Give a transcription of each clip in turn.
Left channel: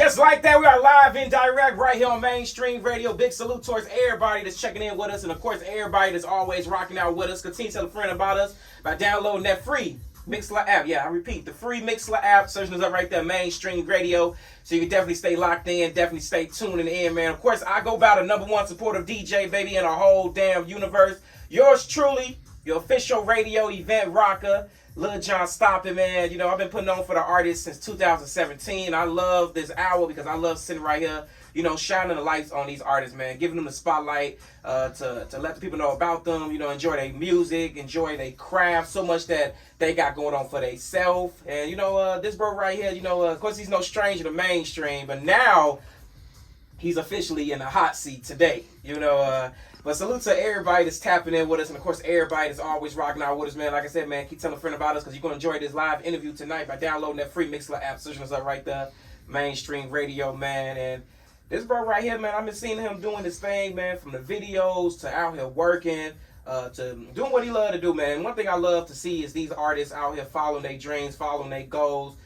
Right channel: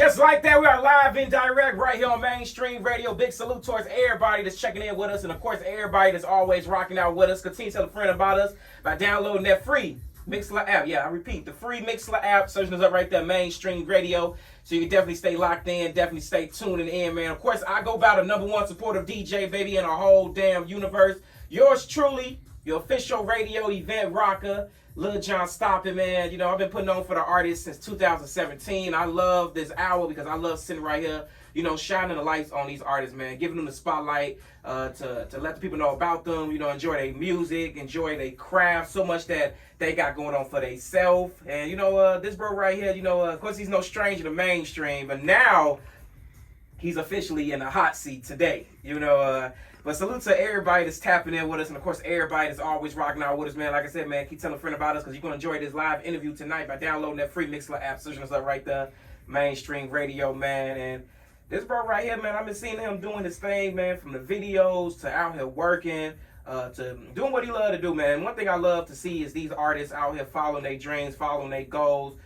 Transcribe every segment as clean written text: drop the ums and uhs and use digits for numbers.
Just like that, we are live and direct right here on Mainstream Radio. Big salute towards everybody that's checking in with us, and of course, everybody that's always rocking out with us. Continue to tell a friend about us by downloading that free Mixler app. Yeah, I repeat, the free Mixler app. Searching us up right there, Mainstream Radio. So you can definitely stay locked in, definitely stay tuning in, man. Of course, I go by the #1 supportive DJ, baby, in the whole damn universe. Yours truly, your official radio event rocker, Lil John Stoppin', man. You know, I've been putting on for the artists since 2017. I love this hour because I love sitting right here, you know, shining the lights on these artists, man. Giving them the spotlight to let the people know about them, you know, enjoy their music, enjoy their craft, so much that they got going on for themselves. And, you know, this bro right here, you know, of course, he's no stranger to mainstream, but now he's officially in the hot seat today, you know. But salute to everybody that's tapping in with us, and of course everybody that's always rocking out with us, man. Like I said, man, keep telling a friend about us because you're going to enjoy this live interview tonight by downloading that free Mixler app, searching us up right there, Mainstream Radio, man. And this bro right here, man, I've been seeing him doing his thing, man, from the videos to out here working, to doing what he love to do, man. And one thing I love to see is these artists out here following their dreams, following their goals,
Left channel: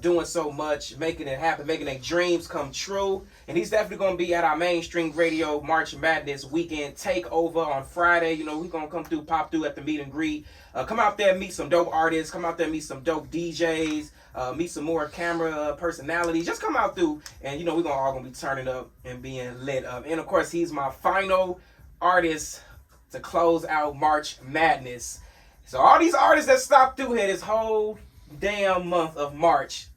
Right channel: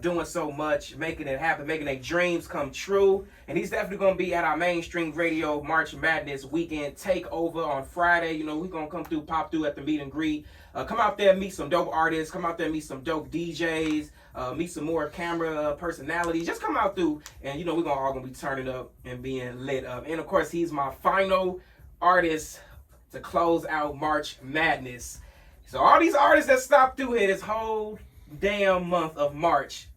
doing so much, making it happen, making their dreams come true. And he's definitely going to be at our Mainstream Radio March Madness weekend takeover on Friday. You know, we're going to come through, pop through at the meet and greet. Come out there, meet some dope artists. Come out there, meet some dope DJs. Meet some more camera personalities. Just come out through, and, you know, we're all going to be turning up and being lit up. And, of course, he's my final artist to close out March Madness. So all these artists that stopped through here this whole damn month of March,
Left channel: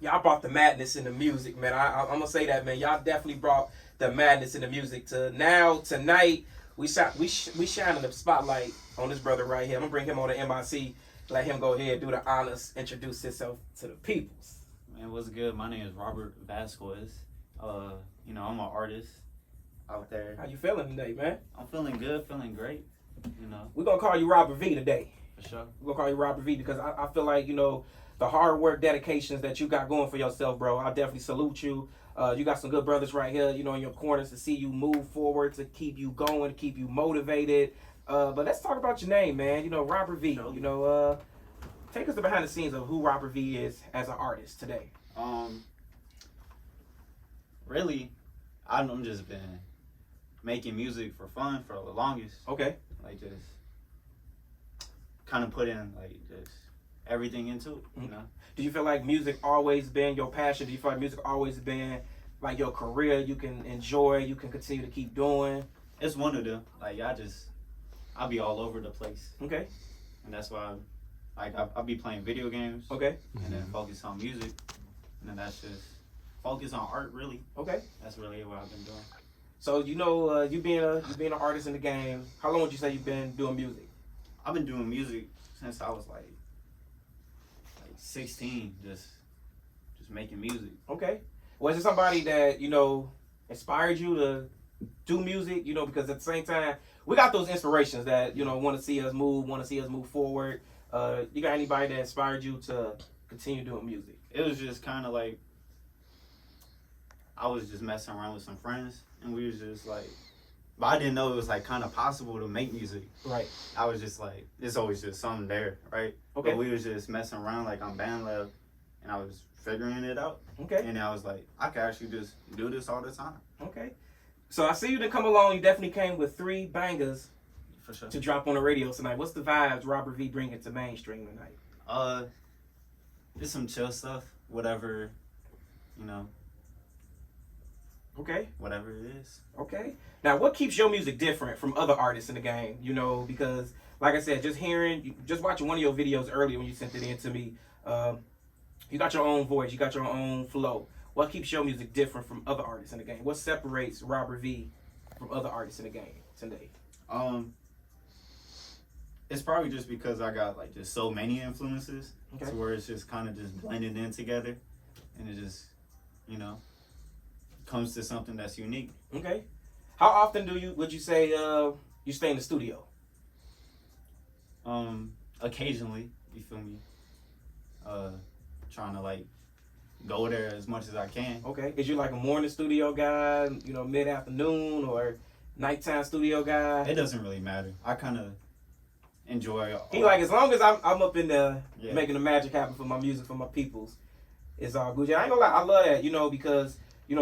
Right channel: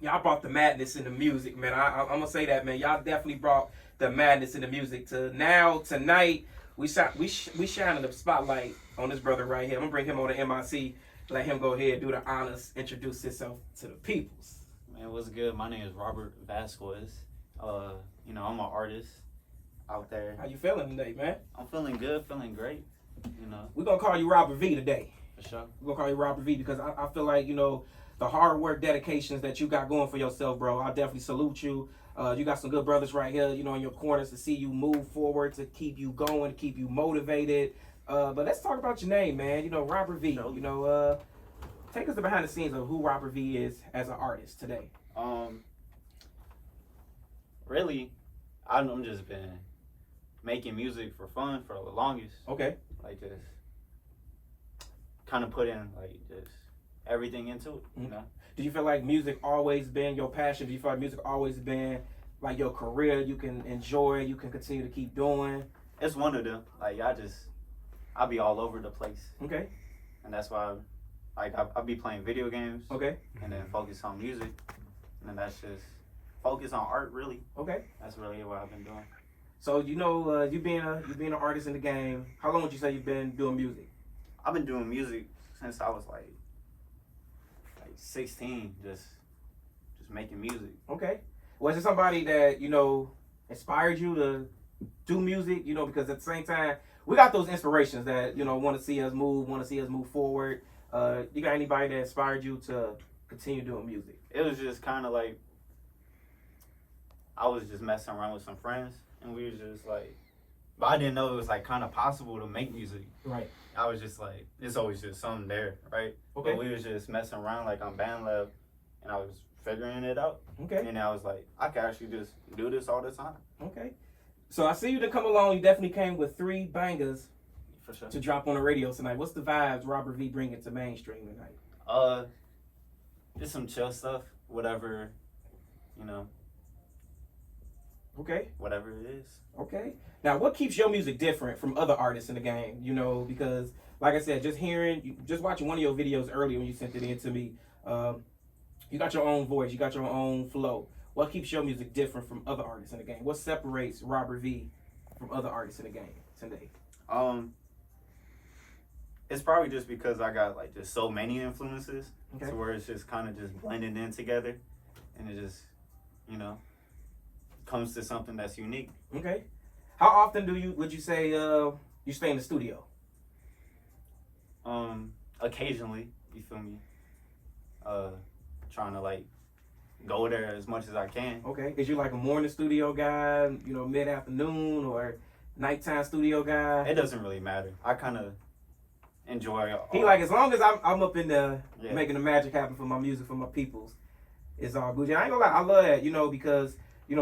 y'all brought the madness in the music, man. I'm gonna say that, man. Y'all definitely brought the madness in the music. Tonight, we shining the spotlight on this brother right here. I'm gonna bring him on the MIC, let him go ahead, do the honors, introduce himself to the peoples. Man, what's good? My name is Robert Vazquez. You know, I'm an artist out there. How you feeling today, man? I'm feeling good, feeling great. You know, we're gonna call you Robert V today. For sure. We're gonna call you Robert V because I feel like, you know, the hard work, dedications that you got going for yourself, bro. I definitely salute you. You got some good brothers right here, you know, in your corners to see you move forward, to keep you going, to keep you motivated. But let's talk about your name, man. You know, Robert V. Sure. You know, take us to behind the scenes of who Robert V is as an artist today. Really, I've just been making music for fun for the longest. Okay. Like, just kind of put in, like, just everything into it, you know? Do you feel like music always been your passion? Do you feel like music always been like your career you can enjoy, you can continue to keep doing? It's one of them. Like, I'll be all over the place. Okay. And that's why, I'll be playing video games. Okay. And then focus on music. And then that's just focus on art, really. Okay. That's really what I've been doing. So, you know, you being an artist in the game, how long would you say you've been doing music? I've been doing music since I was like 16, just making music. Okay. Was there somebody that, you know, inspired you to do music? You know, because at the same time, we got those inspirations that, you know, want to see us move forward. You got anybody that inspired you to continue doing music? It was just kind of like, I was just messing around with some friends, and we was just like, but I didn't know it was like kind of possible to make music. Right. I was just like, it's always just something there, right? Okay. But we was just messing around like on BandLab, and I was figuring it out. Okay. And I was like, I could actually just do this all the time. Okay. So I see you didn't come along. You definitely came with 3 bangers. For sure. To drop on the radio tonight. What's the vibes Robert V bringing to mainstream tonight? Just some chill stuff, whatever, you know. Okay. Whatever it is. Okay. Now, what keeps your music different from other artists in the game? You know, because, like I said, just watching one of your videos earlier when you sent it in to me, you got your own voice, you got your own flow. What keeps your music different from other artists in the game? What separates Robert V from other artists in the game today? It's probably just because I got like just so many influences, okay, to where it's just kind of just blended in together, and it just, you know, comes to something that's unique. Okay. How often would you say you stay in the studio? Occasionally, you feel me? Trying to like go there as much as I can. Okay. Is you like a morning studio guy, you know, mid-afternoon or nighttime studio guy? It doesn't really matter. I kind of enjoy. He like, as long as I'm up in there making the magic happen for my music, for my peoples, It's all good. I ain't gonna lie, I love that, because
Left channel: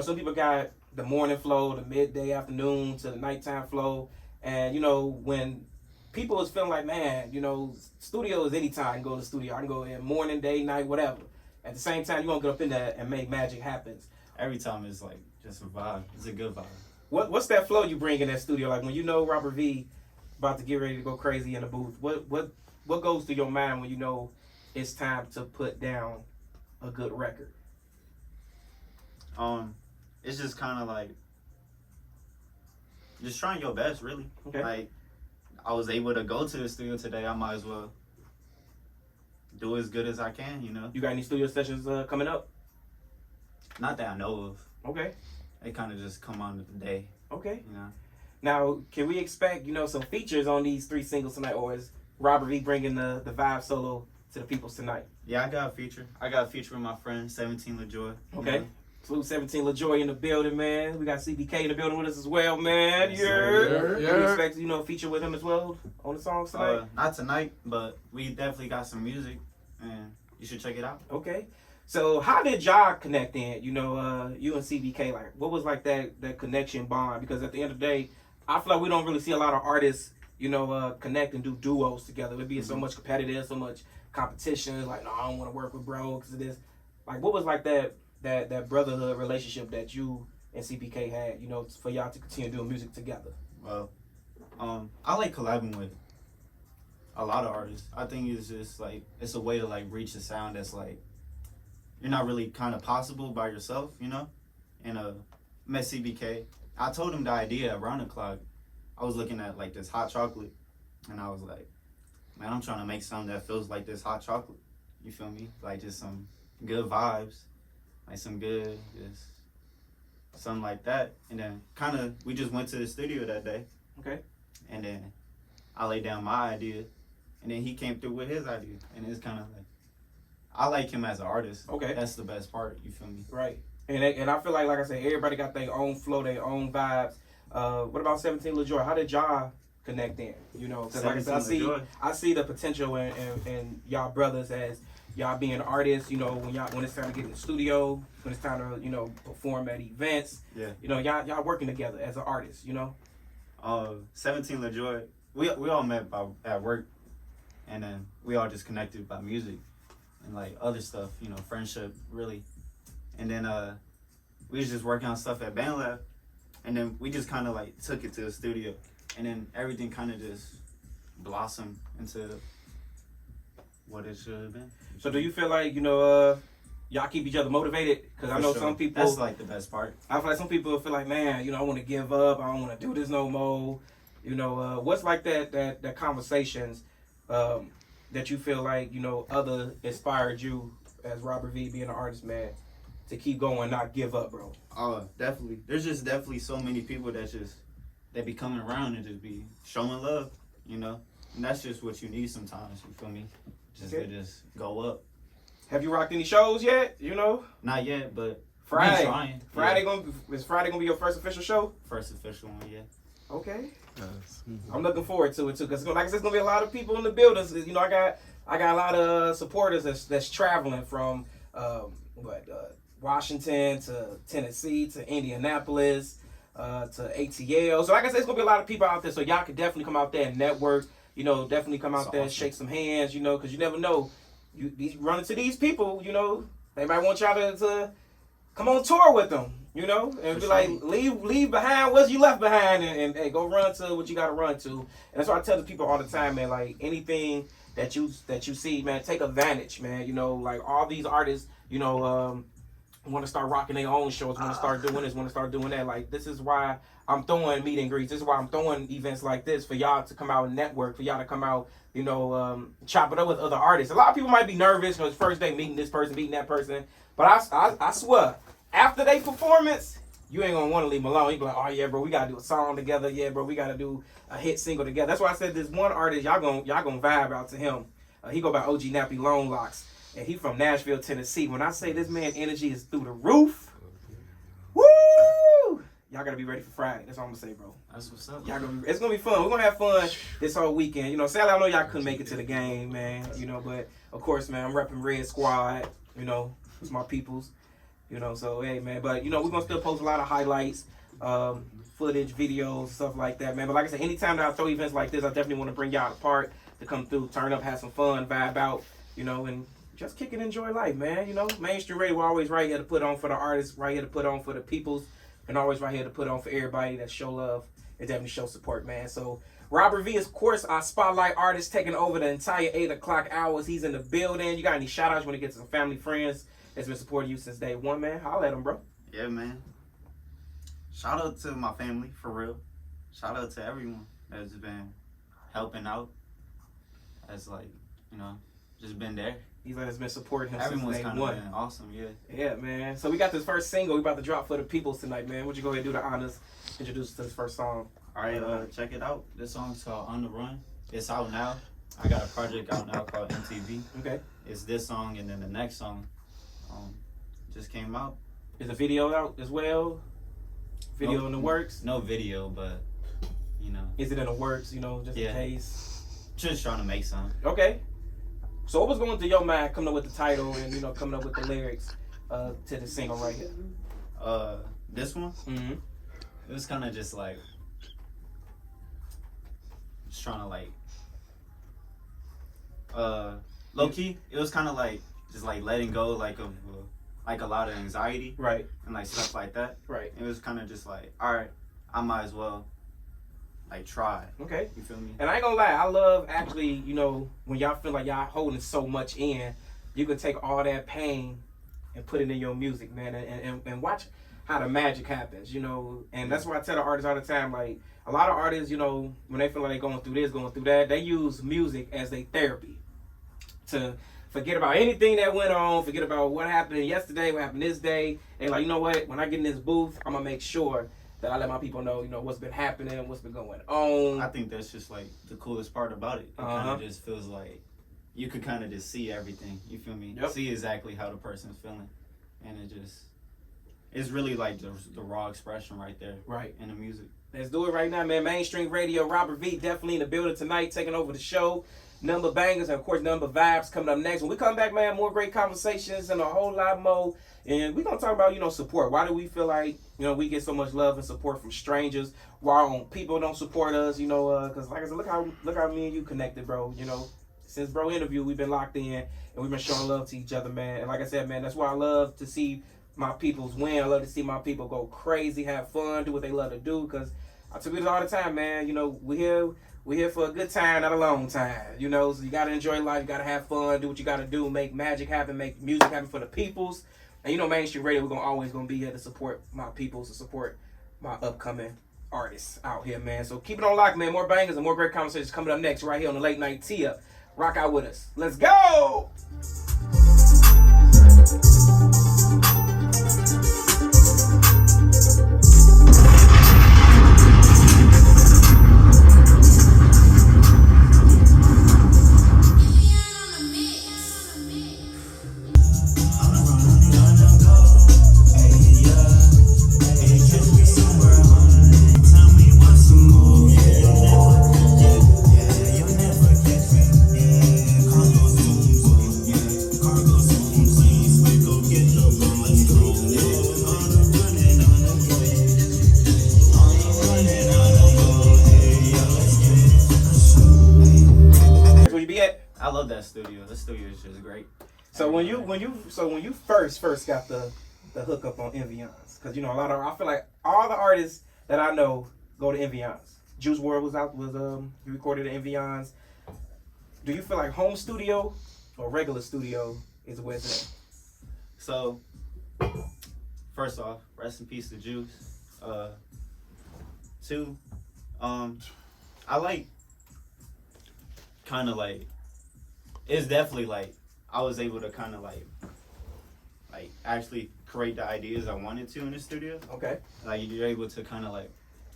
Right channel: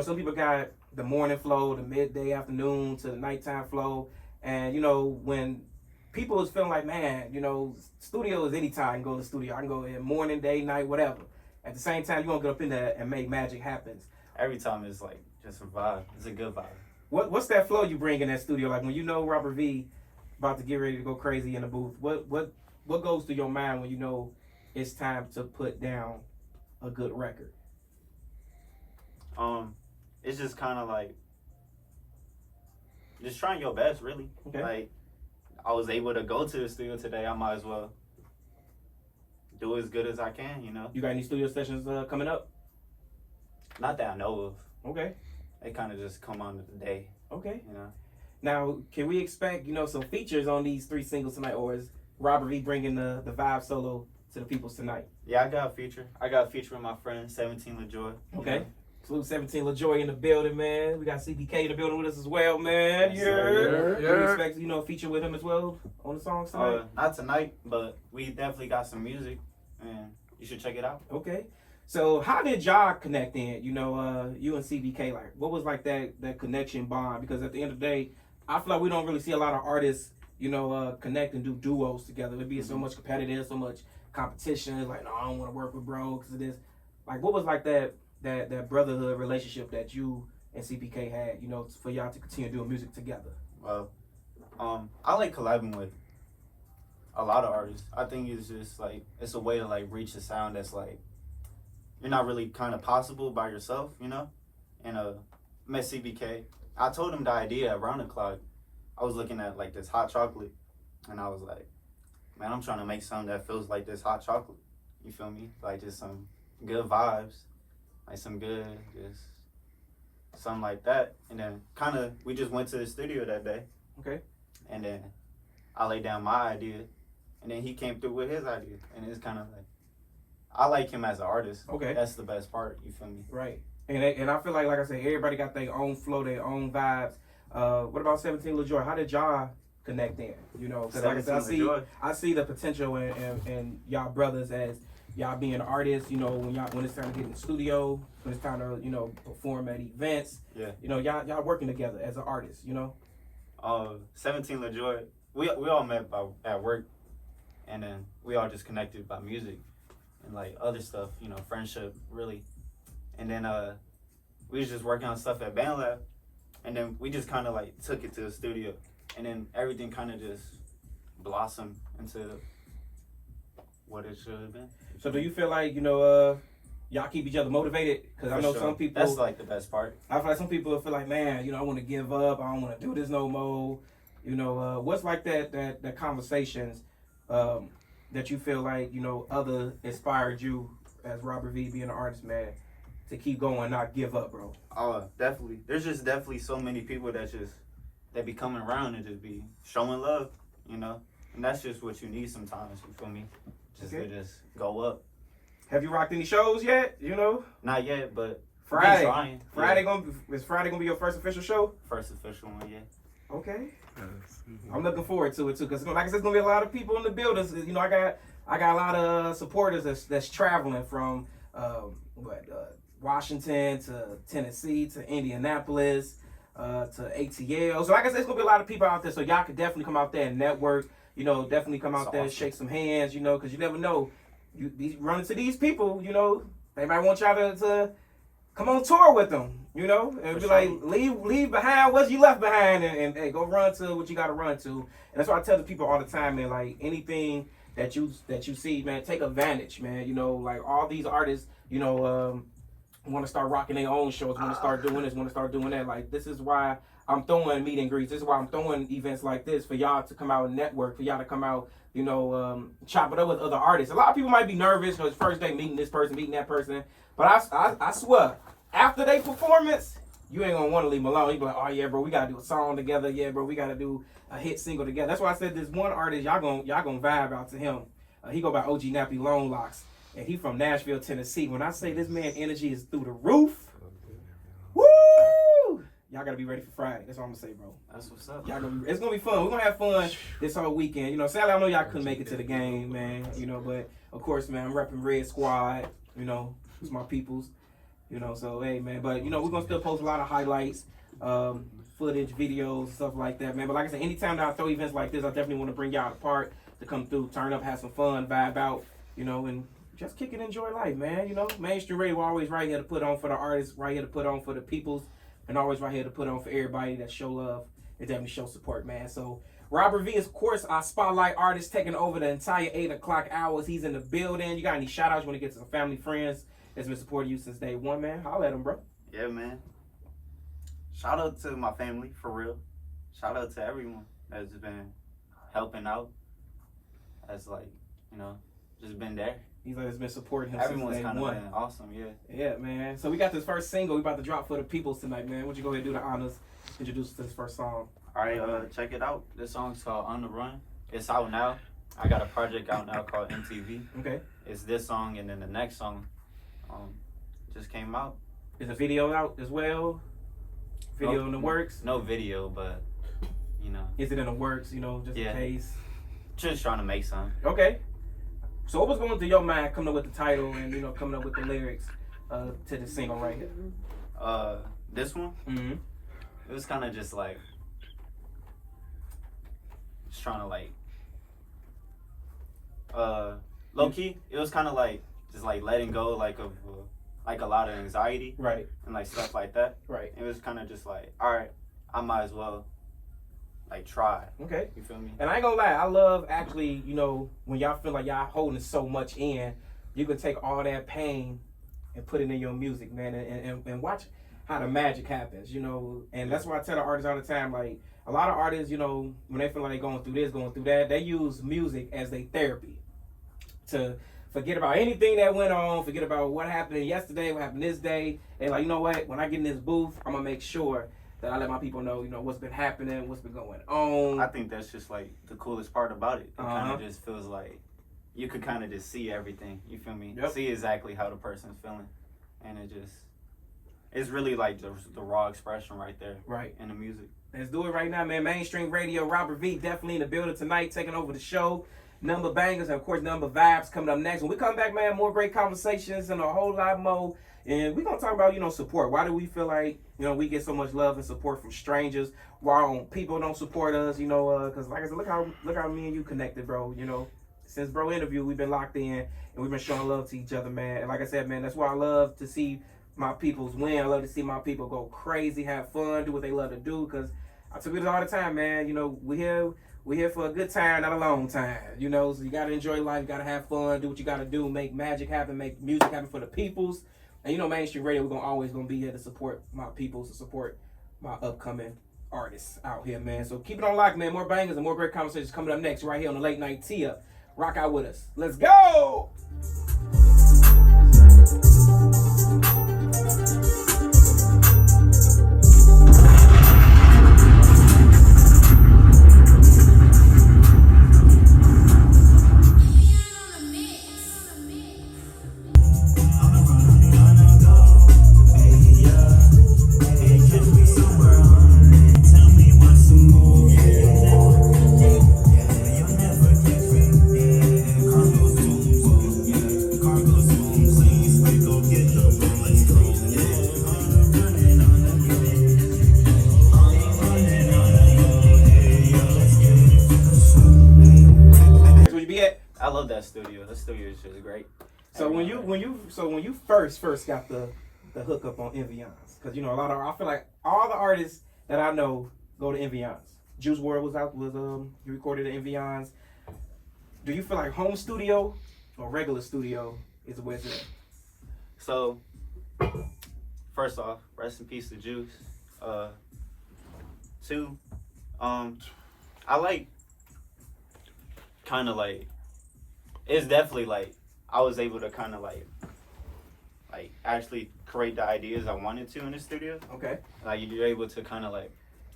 some people got the morning flow, the midday, afternoon to the nighttime flow, and when people is feeling like, man, studio is anytime I can go to the studio. I can go in morning, day, night, whatever. At the same time, you won't get up in there and make magic happen. Every time it's like just a vibe. It's a good vibe. What's that flow you bring in that studio? Like when Robert V about to get ready to go crazy in the booth, what goes through your mind when it's time to put down a good record? It's just kind of like just trying your best, really. Okay. Like I was able to go to the studio today. I might as well do as good as I can. You got any studio sessions coming up? Not that I know of. Okay. They kind of just come on the day. Okay. Now, can we expect some features on these 3 singles tonight, or is Robert V bringing the vibe solo to the peoples tonight? Yeah, I got a feature. I got a feature with my friend 17 LaJoy. Okay. Salute 17 LaJoy in the building, man. We got CBK in the building with us as well, man. Yes, Can we expect feature with him as well on the songs tonight? Not tonight, but we definitely got some music, and you should check it out. Okay. So how did y'all connect in? You and CBK, like what was like that connection bond? Because at the end of the day, I feel like we don't really see a lot of artists, connect and do duos together. It'd be so much competitive, so much competition. Like, no, I don't want to work with bro because of this. Like, what was like that brotherhood relationship that you and CBK had? For y'all to continue doing music together. Well, I like collabing with a lot of artists. I think it's just like it's a way to like reach a sound that's like you're not really kind of possible by yourself, And met CBK. I told him the idea around the clock. I was looking at like this hot chocolate, and I was like, man, I'm trying to make something that feels like this hot chocolate. You feel me? Like just some good vibes, like some good, just something like that. And then kind of we just went to the studio that day. Okay. And then I laid down my idea, and then he came through with his idea, and it's kind of like I like him as an artist. Okay. That's the best part. You feel me? Right. And I feel like I said, everybody got their own flow, their own vibes. What about 17 LaJoy? How did y'all connect in? Because like I said, I see the potential in y'all brothers as y'all being artists. When it's time to get in the studio, when it's time to perform at events. Yeah. Y'all working together as an artist. 17 LaJoy. We all met at work, and then we all just connected by music and like other stuff. Friendship really. And then we was just working on stuff at Band Lab, and then we just kind of like took it to the studio, and then everything kind of just blossomed into what it should have been. So do you feel like y'all keep each other motivated? Because I know some people. That's like the best part. I feel like some people feel like, man, I want to give up. I don't want to do this no more. What's like that conversations that you feel like other inspired you as Robert V being an artist, man, to keep going, not give up, bro? Definitely. There's just definitely so many people that be coming around and just be showing love, and that's just what you need sometimes. You feel me? To just go up. Have you rocked any shows yet? Not yet, but Friday. Trying. Is Friday gonna be your first official show? First official one, yeah. Okay. I'm looking forward to it too, because like I said, there's gonna be a lot of people in the building. I got a lot of supporters that's traveling from Washington to Tennessee to Indianapolis to ATL. So like I said, it's gonna be a lot of people out there. So y'all can definitely come out there and network. Definitely come out there, awesome. Shake some hands. Because you never know. You be running to these people. They might want y'all to come on tour with them. And be like, leave behind what you left behind, and hey, go run to what you got to run to. And that's what I tell the people all the time, man. Like anything that you see, man, take advantage, man. Like all these artists, want to start rocking their own shows, want to start doing this, want to start doing that. Like this is why I'm throwing meet and greets. This is why I'm throwing events like this for y'all to come out and network, for y'all to come out, chop it up with other artists. A lot of people might be nervous because first day meeting this person, meeting that person, but I swear, after they performance, you ain't gonna want to leave them alone. You be like, oh yeah, bro, we gotta do a song together. Yeah, bro, we gotta do a hit single together. That's why I said this one artist, y'all gonna vibe out to him. He go by OG Nappy Long Locks, and he from Nashville, Tennessee. When I say this man energy is through the roof, woo! Y'all gotta be ready for Friday. That's all I'm gonna say, bro. That's what's up. It's gonna be fun. We're gonna have fun this whole weekend. Sadly, I know y'all couldn't make it to the game, man. But of course, man, I'm repping Red Squad. It's my peoples. You know, so hey man, but you know we're gonna still post a lot of highlights, footage, videos, stuff like that, man. But like I said, anytime that I throw events like this, I definitely want to bring y'all apart to come through, turn up, have some fun, vibe out, you know, and just kick and enjoy life, man. You know, mainstream radio, we're always right here to put on for the artists, right here to put on for the peoples, and always right here to put on for everybody that show love and definitely show support, man. So Robert V is, of course, our spotlight artist, taking over the entire 8 o'clock hours. He's in the building. You got any shout outs when it gets to some family, friends that's been supporting you since day one, man? Holla at him, bro. Yeah, man. Shout out to my family, for real. Shout out to everyone that's been helping out. That's like, you know, just been there. He's like, it's been supporting him Everyone's since day kind of one. been awesome, yeah. Yeah, man. So we got this first single we about to drop for the peoples tonight, man. Would you go ahead and do the honors, introduce us to this first song? All right, check it out. This song's called On the Run. It's out now. I got a project out now called MTV. Okay. It's this song, and then the next song just came out. Is the video out as well? Video in the works? No video, but, you know. Is it in the works, you know, just in case? Just trying to make some. Okay. So what was going through your mind coming up with the title and, you know, coming up with the lyrics to the single right here? This one? Mm-hmm. It was kind of just like, just trying to like, low key, it was kind of like, just like letting go like of like a lot of anxiety. Right. And like stuff like that. Right. It was kind of just like, all right, I might as well like try. Okay. You feel me? And I ain't gonna lie, I love actually, you know, when y'all feel like y'all holding so much in, you can take all that pain and put it in your music, man, and watch how the magic happens, you know. And that's why I tell the artists all the time, like, a lot of artists, you know, when they feel like they're going through this, going through that, they use music as their therapy to forget about anything that went on, forget about what happened yesterday, what happened this day, and like, you know what, when I get in this booth, I'm gonna make sure that I let my people know, you know, what's been happening, what's been going on. I think that's just like the coolest part about it. It kind of just feels like you could kind of just see everything. You feel me? Yep. See exactly how the person's feeling, and it's really like the raw expression right there, Right. in the music. Let's do it right now, man. Mainstream Radio, Robert V definitely in the building tonight, taking over the show. Number bangers and of course number vibes coming up next. When we come back, man, more great conversations and a whole lot more. And we're gonna talk about, you know, support. Why do we feel like, you know, we get so much love and support from strangers while people don't support us, you know, because like I said, look how me and you connected, bro. You know, since bro interview, we've been locked in and we've been showing love to each other, man. And like I said, man, that's why I love to see my peoples win. I love to see my people go crazy, have fun, do what they love to do. Because I tell people all the time, man, you know, we're here for a good time, not a long time. You know, so you gotta enjoy life, you gotta have fun, do what you gotta do, make magic happen, make music happen for the peoples. And you know, Mainstream Radio, we're always gonna be here to support my peoples, to support my upcoming artists out here, man. So keep it on lock, man. More bangers and more great conversations coming up next right here on the Late Night Tee-Up. Rock out with us. Let's go! I love that studio. That studio is just great. So when you first got the hook up on Envyons, because you know I feel like all the artists that I know go to Envyons. Juice WRLD was he recorded at Envyons. Do you feel like home studio or regular studio is where it's at? So first off, rest in peace to Juice. Two, I like kind of like, it's definitely like I was able to kind of like actually create the ideas I wanted to in the studio. Okay. Like you're able to kind of like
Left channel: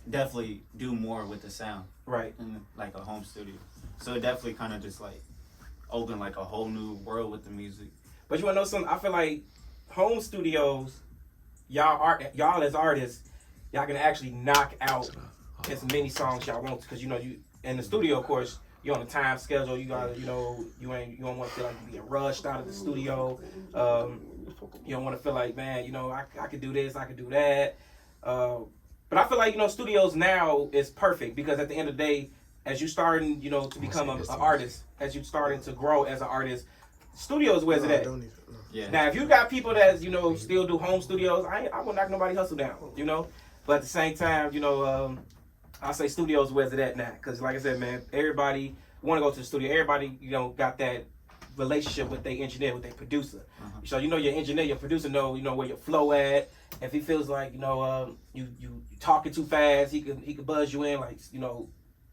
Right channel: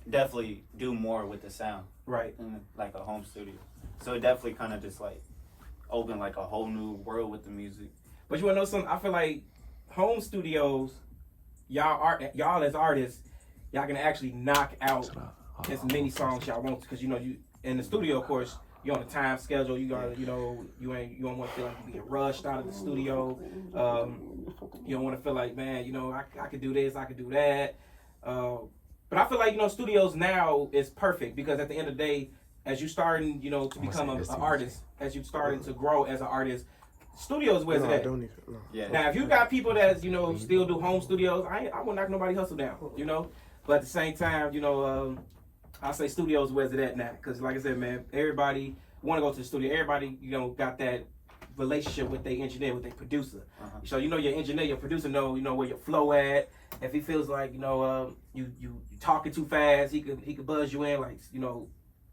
definitely do more with the sound. Right. In like a home studio. So it definitely kind of just like opened like a whole new world with the music. But you wanna know something? I feel like home studios, y'all as artists, y'all can actually knock out as many songs y'all want, because you know you in the studio, of course, you're on a time schedule. You gotta, you know, you don't want to feel like you're being rushed out of the studio. You don't want to feel like, man, I could do this, I could do that. But I feel like, studios now is perfect because at the end of the day, as you starting, to become an artist, as you starting to grow as an artist, studios where's it at? Yeah. Now, if you got people that, still do home studios, I won't knock nobody hustle down, But at the same time, I say studios where's it at now? Because like I said, man, everybody want to go to the studio. Everybody, got that relationship with their engineer, with their producer. So your engineer, your producer know where your flow at. If he feels like you talking too fast, he can buzz you in like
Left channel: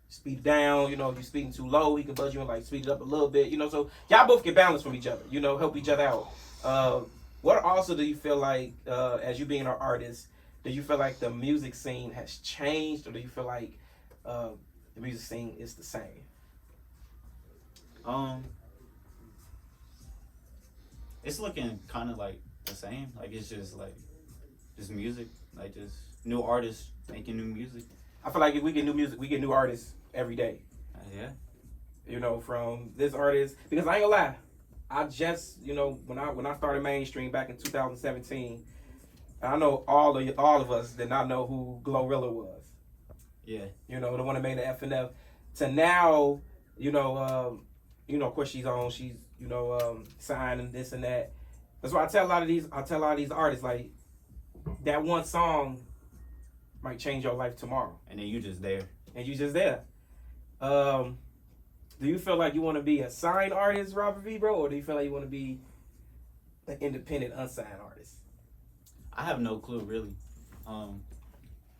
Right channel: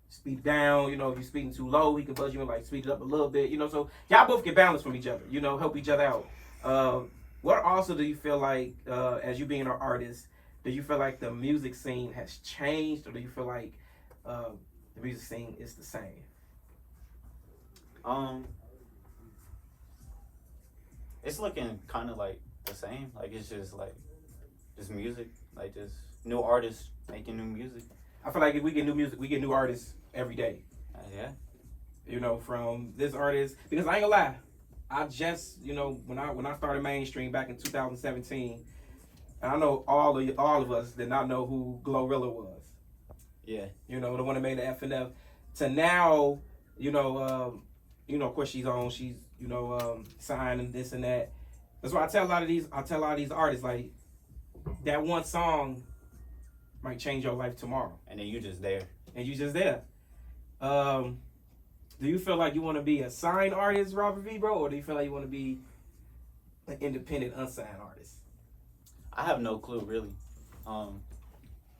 speed it down. If you're speeding too low, he can buzz you in like speed it up a little bit. So y'all both get balance from each other. Help each other out. What also do you feel like as you being an artist? Do you feel like the music scene has changed, or do you feel like the music scene is the same? It's looking kind of like the same. Like it's just music, like just new artists making new music. I feel like if we get new music, we get new artists every day. Yeah. From this artist, because I ain't gonna lie, I just when I started mainstream back in 2017, I know all of us did not know who Glorilla was. Yeah. The one that made the FNF. To now, of course she's signed and this and that. That's why I tell a lot of these artists, like, that one song might change your life tomorrow. And then you just there. Do you feel like you want to be a signed artist, Robert V, bro, or do you feel like you want to be an independent, unsigned artist? I have no clue, really,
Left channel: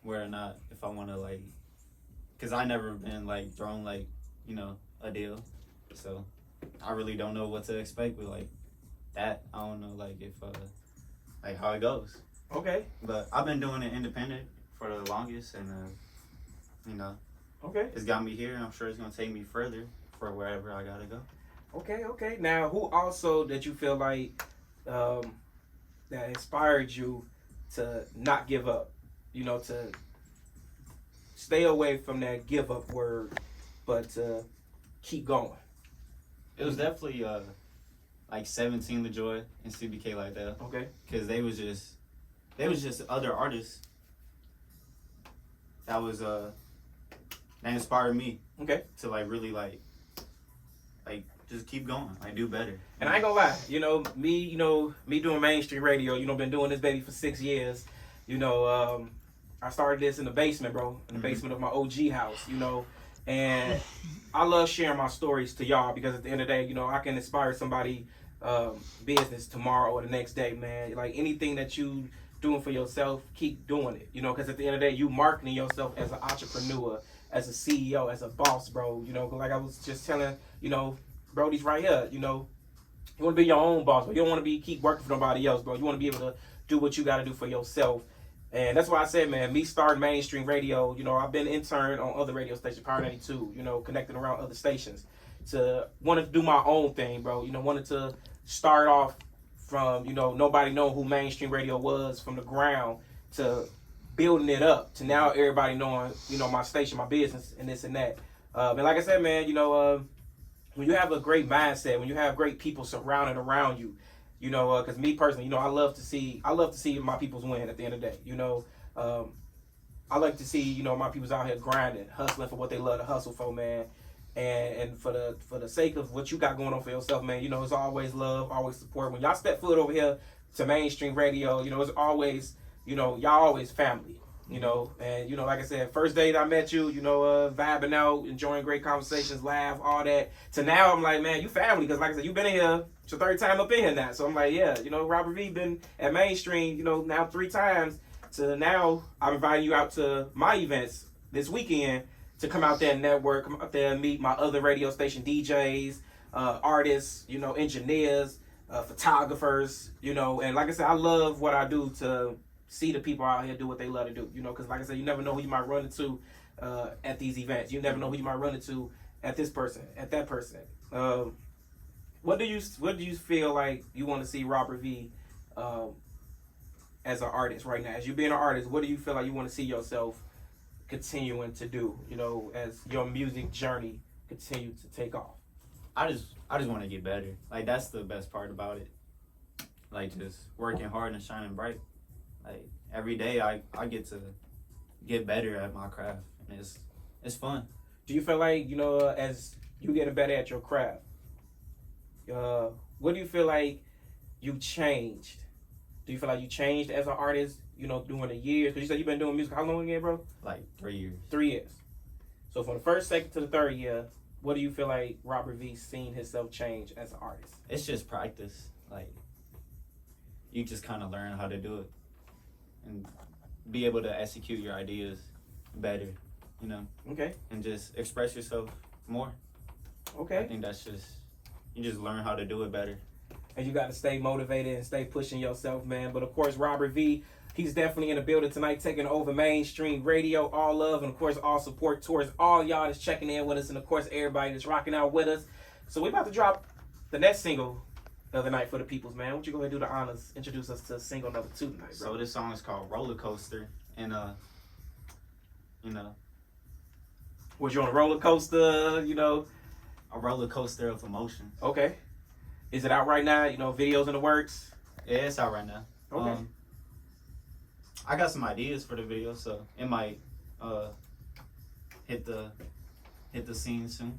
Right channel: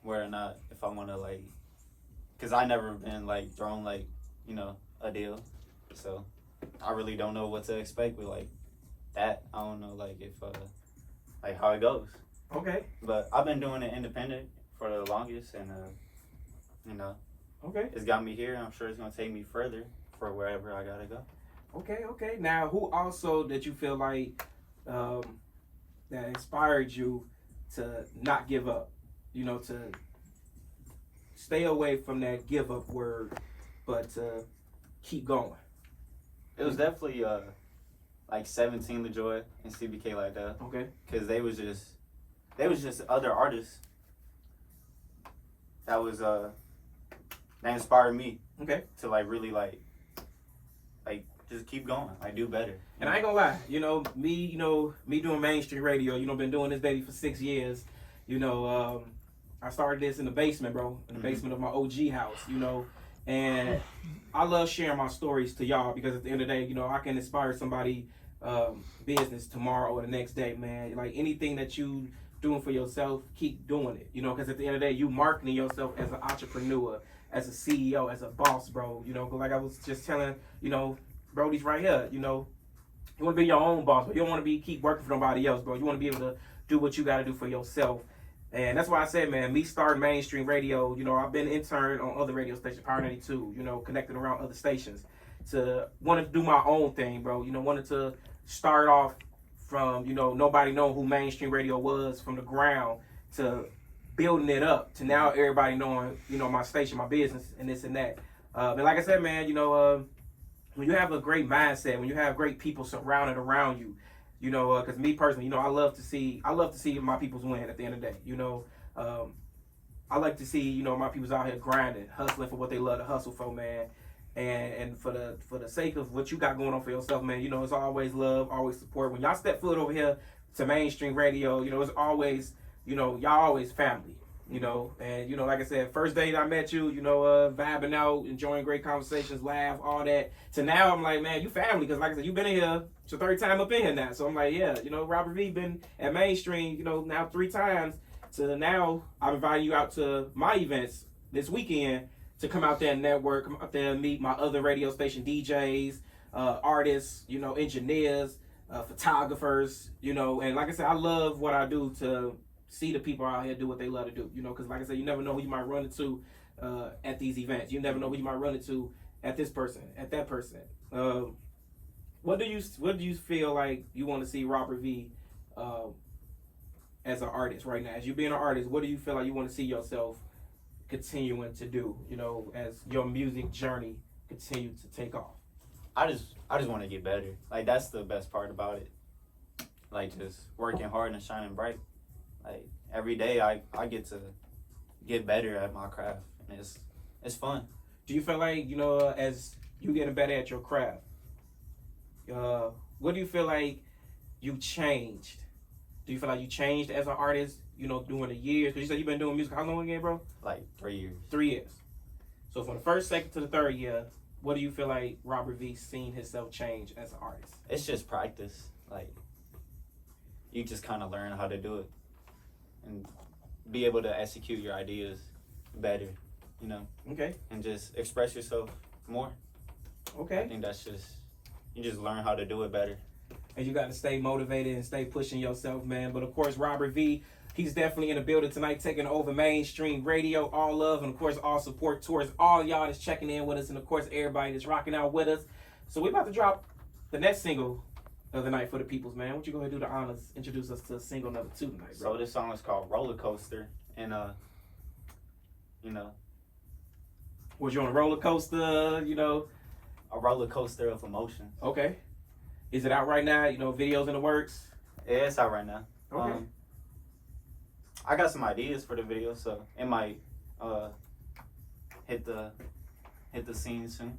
where or not, if I want to, like, because I never been, like, thrown, like, a deal. So I really don't know what to expect with, like, that. I don't know, like, if, like, how it goes. Okay. But I've been doing it independent for the longest, and, okay, it's got me here. I'm sure it's going to take me further for wherever I got to go. Okay. Now, who also did you feel like that inspired you to not give up? To stay away from that give up word, but to keep going. It was definitely like 17 LaJoy and CBK like that. Okay. Because they was just other artists that was that inspired me. Okay. To like really like just keep going, like do better. And I ain't gonna lie, me doing mainstream radio, been doing this baby for 6 years. I started this in the basement, bro, in the basement of my OG house, and I love sharing my stories to y'all because at the end of the day, I can inspire somebody business tomorrow or the next day, man. Like anything that you doing for yourself, keep doing it, because at the end of the day, you marketing yourself as an entrepreneur, as a CEO, as a boss, bro. Like I was just telling, Brody's right here, you want to be your own boss, but you don't want to keep working for nobody else, bro. You want to be able to do what you got to do for yourself. And that's why I said, man, me starting mainstream radio, I've been interned on other radio stations, Power 92, connecting around other stations, to wanted to do my own thing, bro. Wanted to start off from, nobody knowing who mainstream radio was from the ground to building it up to now everybody knowing, my station, my business, and this and that. And like I said, man, when you have a great mindset, when you have great people surrounded around you, because me personally, I love to see my peoples win at the end of the day. I like to see, my peoples out here grinding, hustling for what they love to hustle for, man. And for the sake of what you got going on for yourself, man, it's always love, always support. When y'all step foot over here to mainstream radio, it's always, y'all always family. And like I said, first day that I met you, vibing out, enjoying great conversations, laugh, all that. To now, I'm like, man, you family, because like I said, you've been in here. It's your third time up in here now. So I'm like, yeah, Robert V been at mainstream, now 3 times. To now, I'm inviting you out to my events this weekend to come out there and network, come out there and meet my other radio station DJs, artists, engineers, photographers, and like I said, I love what I do to see the people out here do what they love to do, because like I said, you never know who you might run into at these events. You never know who you might run into at this person, at that person. What do you feel like you want to see Robert V as an artist right now? As you being an artist, what do you feel like you want to see yourself continuing to do, as your music journey continue to take off? I just want to get better. Like that's the best part about it. like just working hard and shining bright. Like every day, I get to get better at my craft, and it's fun. Do you feel like, as you getting better at your craft, what do you feel like you changed? Do you feel like you changed as an artist, during the years? Because you said you've been doing music how long again, bro? Like 3 years. 3 years. So from the first, second to the third year, what do you feel like Robert V seen himself change as an artist? It's just practice. Like, you just kind of learn how to do it and be able to execute your ideas better, Okay. and just express yourself more. Okay. I think that's just, you just learn how to do it better. And you got to stay motivated and stay pushing yourself, man. But of course, Robert V, he's definitely in the building tonight, taking over mainstream radio. All love and of course all support towards all y'all that's checking in with us, and of course everybody that's rocking out with us. So we're about to drop the next single of the night for the peoples, man. Why don't you go ahead and do the honors, introduce us to single number 2 tonight, bro? So this song is called Roller Coaster, and Was you on a roller coaster, a roller coaster of emotions. Okay. Is it out right now? Videos in the works? Yeah, it's out right now. Okay. I got some ideas for the video, so it might hit the scene soon.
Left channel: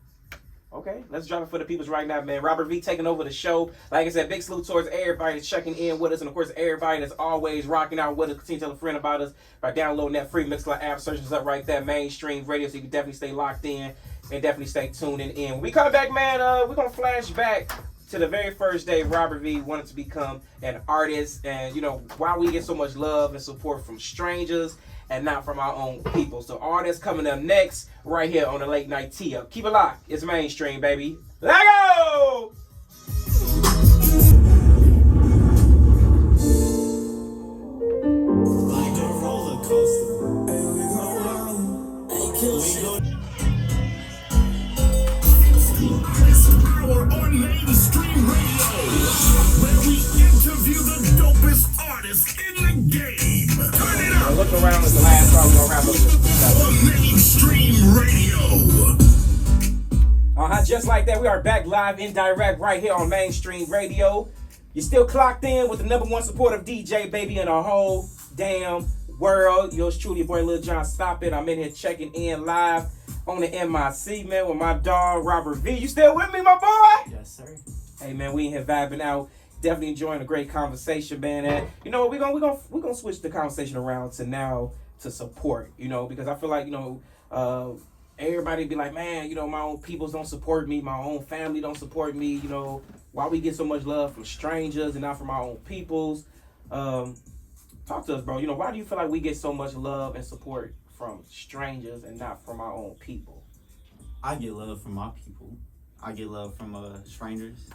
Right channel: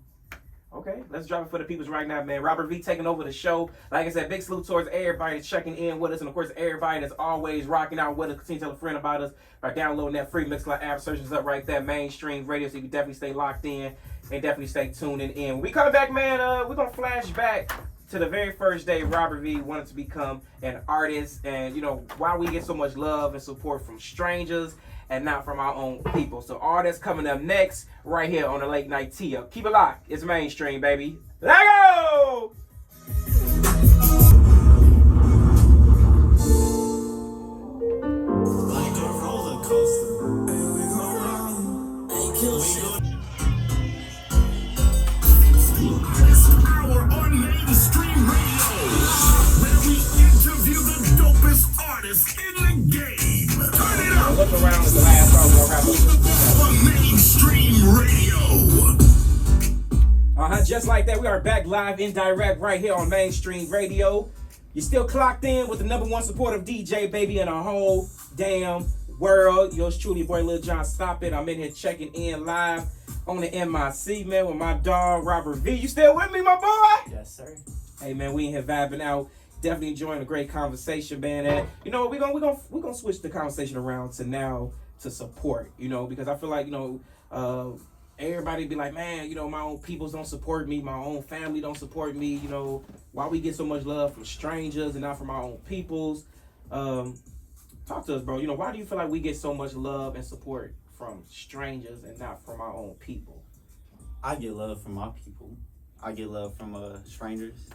Okay, let's drop it for the peoples right now, man. Robert V taking over the show. Like I said, big salute towards everybody that's checking in with us, and of course everybody that's always rocking out with us. Continue to tell a friend about us by downloading that free Mixcloud app. Search us up right there, mainstream radio, so you can definitely stay locked in and definitely stay tuning in. When we come back, man, we're gonna flash back to the very first day Robert V wanted to become an artist, and why we get so much love and support from strangers and not from our own people. So all that's coming up next right here on the Late Night Tee Up. Keep it locked. It's mainstream, baby. Let go! Like a roller coaster. And we gon' ride. Ain't kill shit. This hour on mainstream radio, where we interview the dopest artists in the game. Turn it up. Look around at the last song. We're gonna wrap up. On mainstream radio. Just like that, we are back live in direct right here on mainstream radio. You're still clocked in with the #1 supportive DJ, baby, in the whole damn world. Yours truly, your boy Lil John. Stop it. I'm in here checking in live on the MIC, man, with my dog Robert V. You still with me, my boy? Yes, sir. Hey, man, we in here vibing out. Definitely enjoying a great conversation, man. And we're gonna switch the conversation around to now to support. Because I feel like everybody be like, man, my own peoples don't support me, my own family don't support me. Why we get so much love from strangers and not from our own peoples? Talk to us, bro. Why do you feel like we get so much love and support from strangers and not from our own people? I get love from my people. I get love from strangers.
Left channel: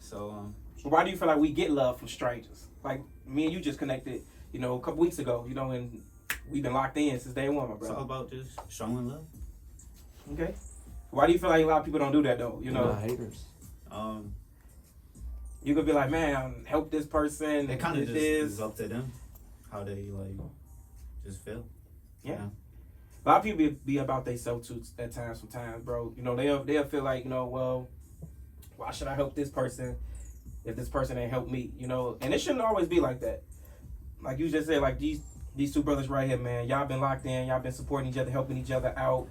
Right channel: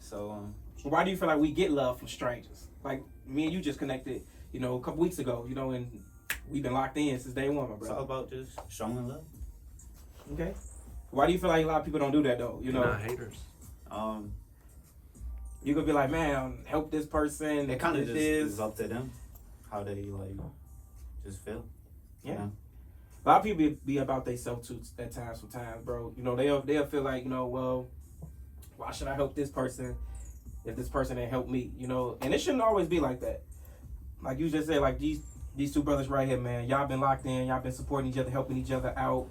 So Why do you feel like we get love from strangers? Like me and you just connected, a couple weeks ago, and we've been locked in since day one, my it's brother. all about just showing love. Okay. Why do you feel like a lot of people don't do that though? They're not haters. You could be like, man, help this person. It kind of this just is is up to them how they just feel. Yeah. You know? A lot of people be about themselves too at times. Sometimes, bro. They'll feel like, well, why should I help this person if this person ain't help me? And it shouldn't always be like that. Like you just said, like these two brothers right here, man. Y'all been locked in. Y'all been supporting each other, helping each other out.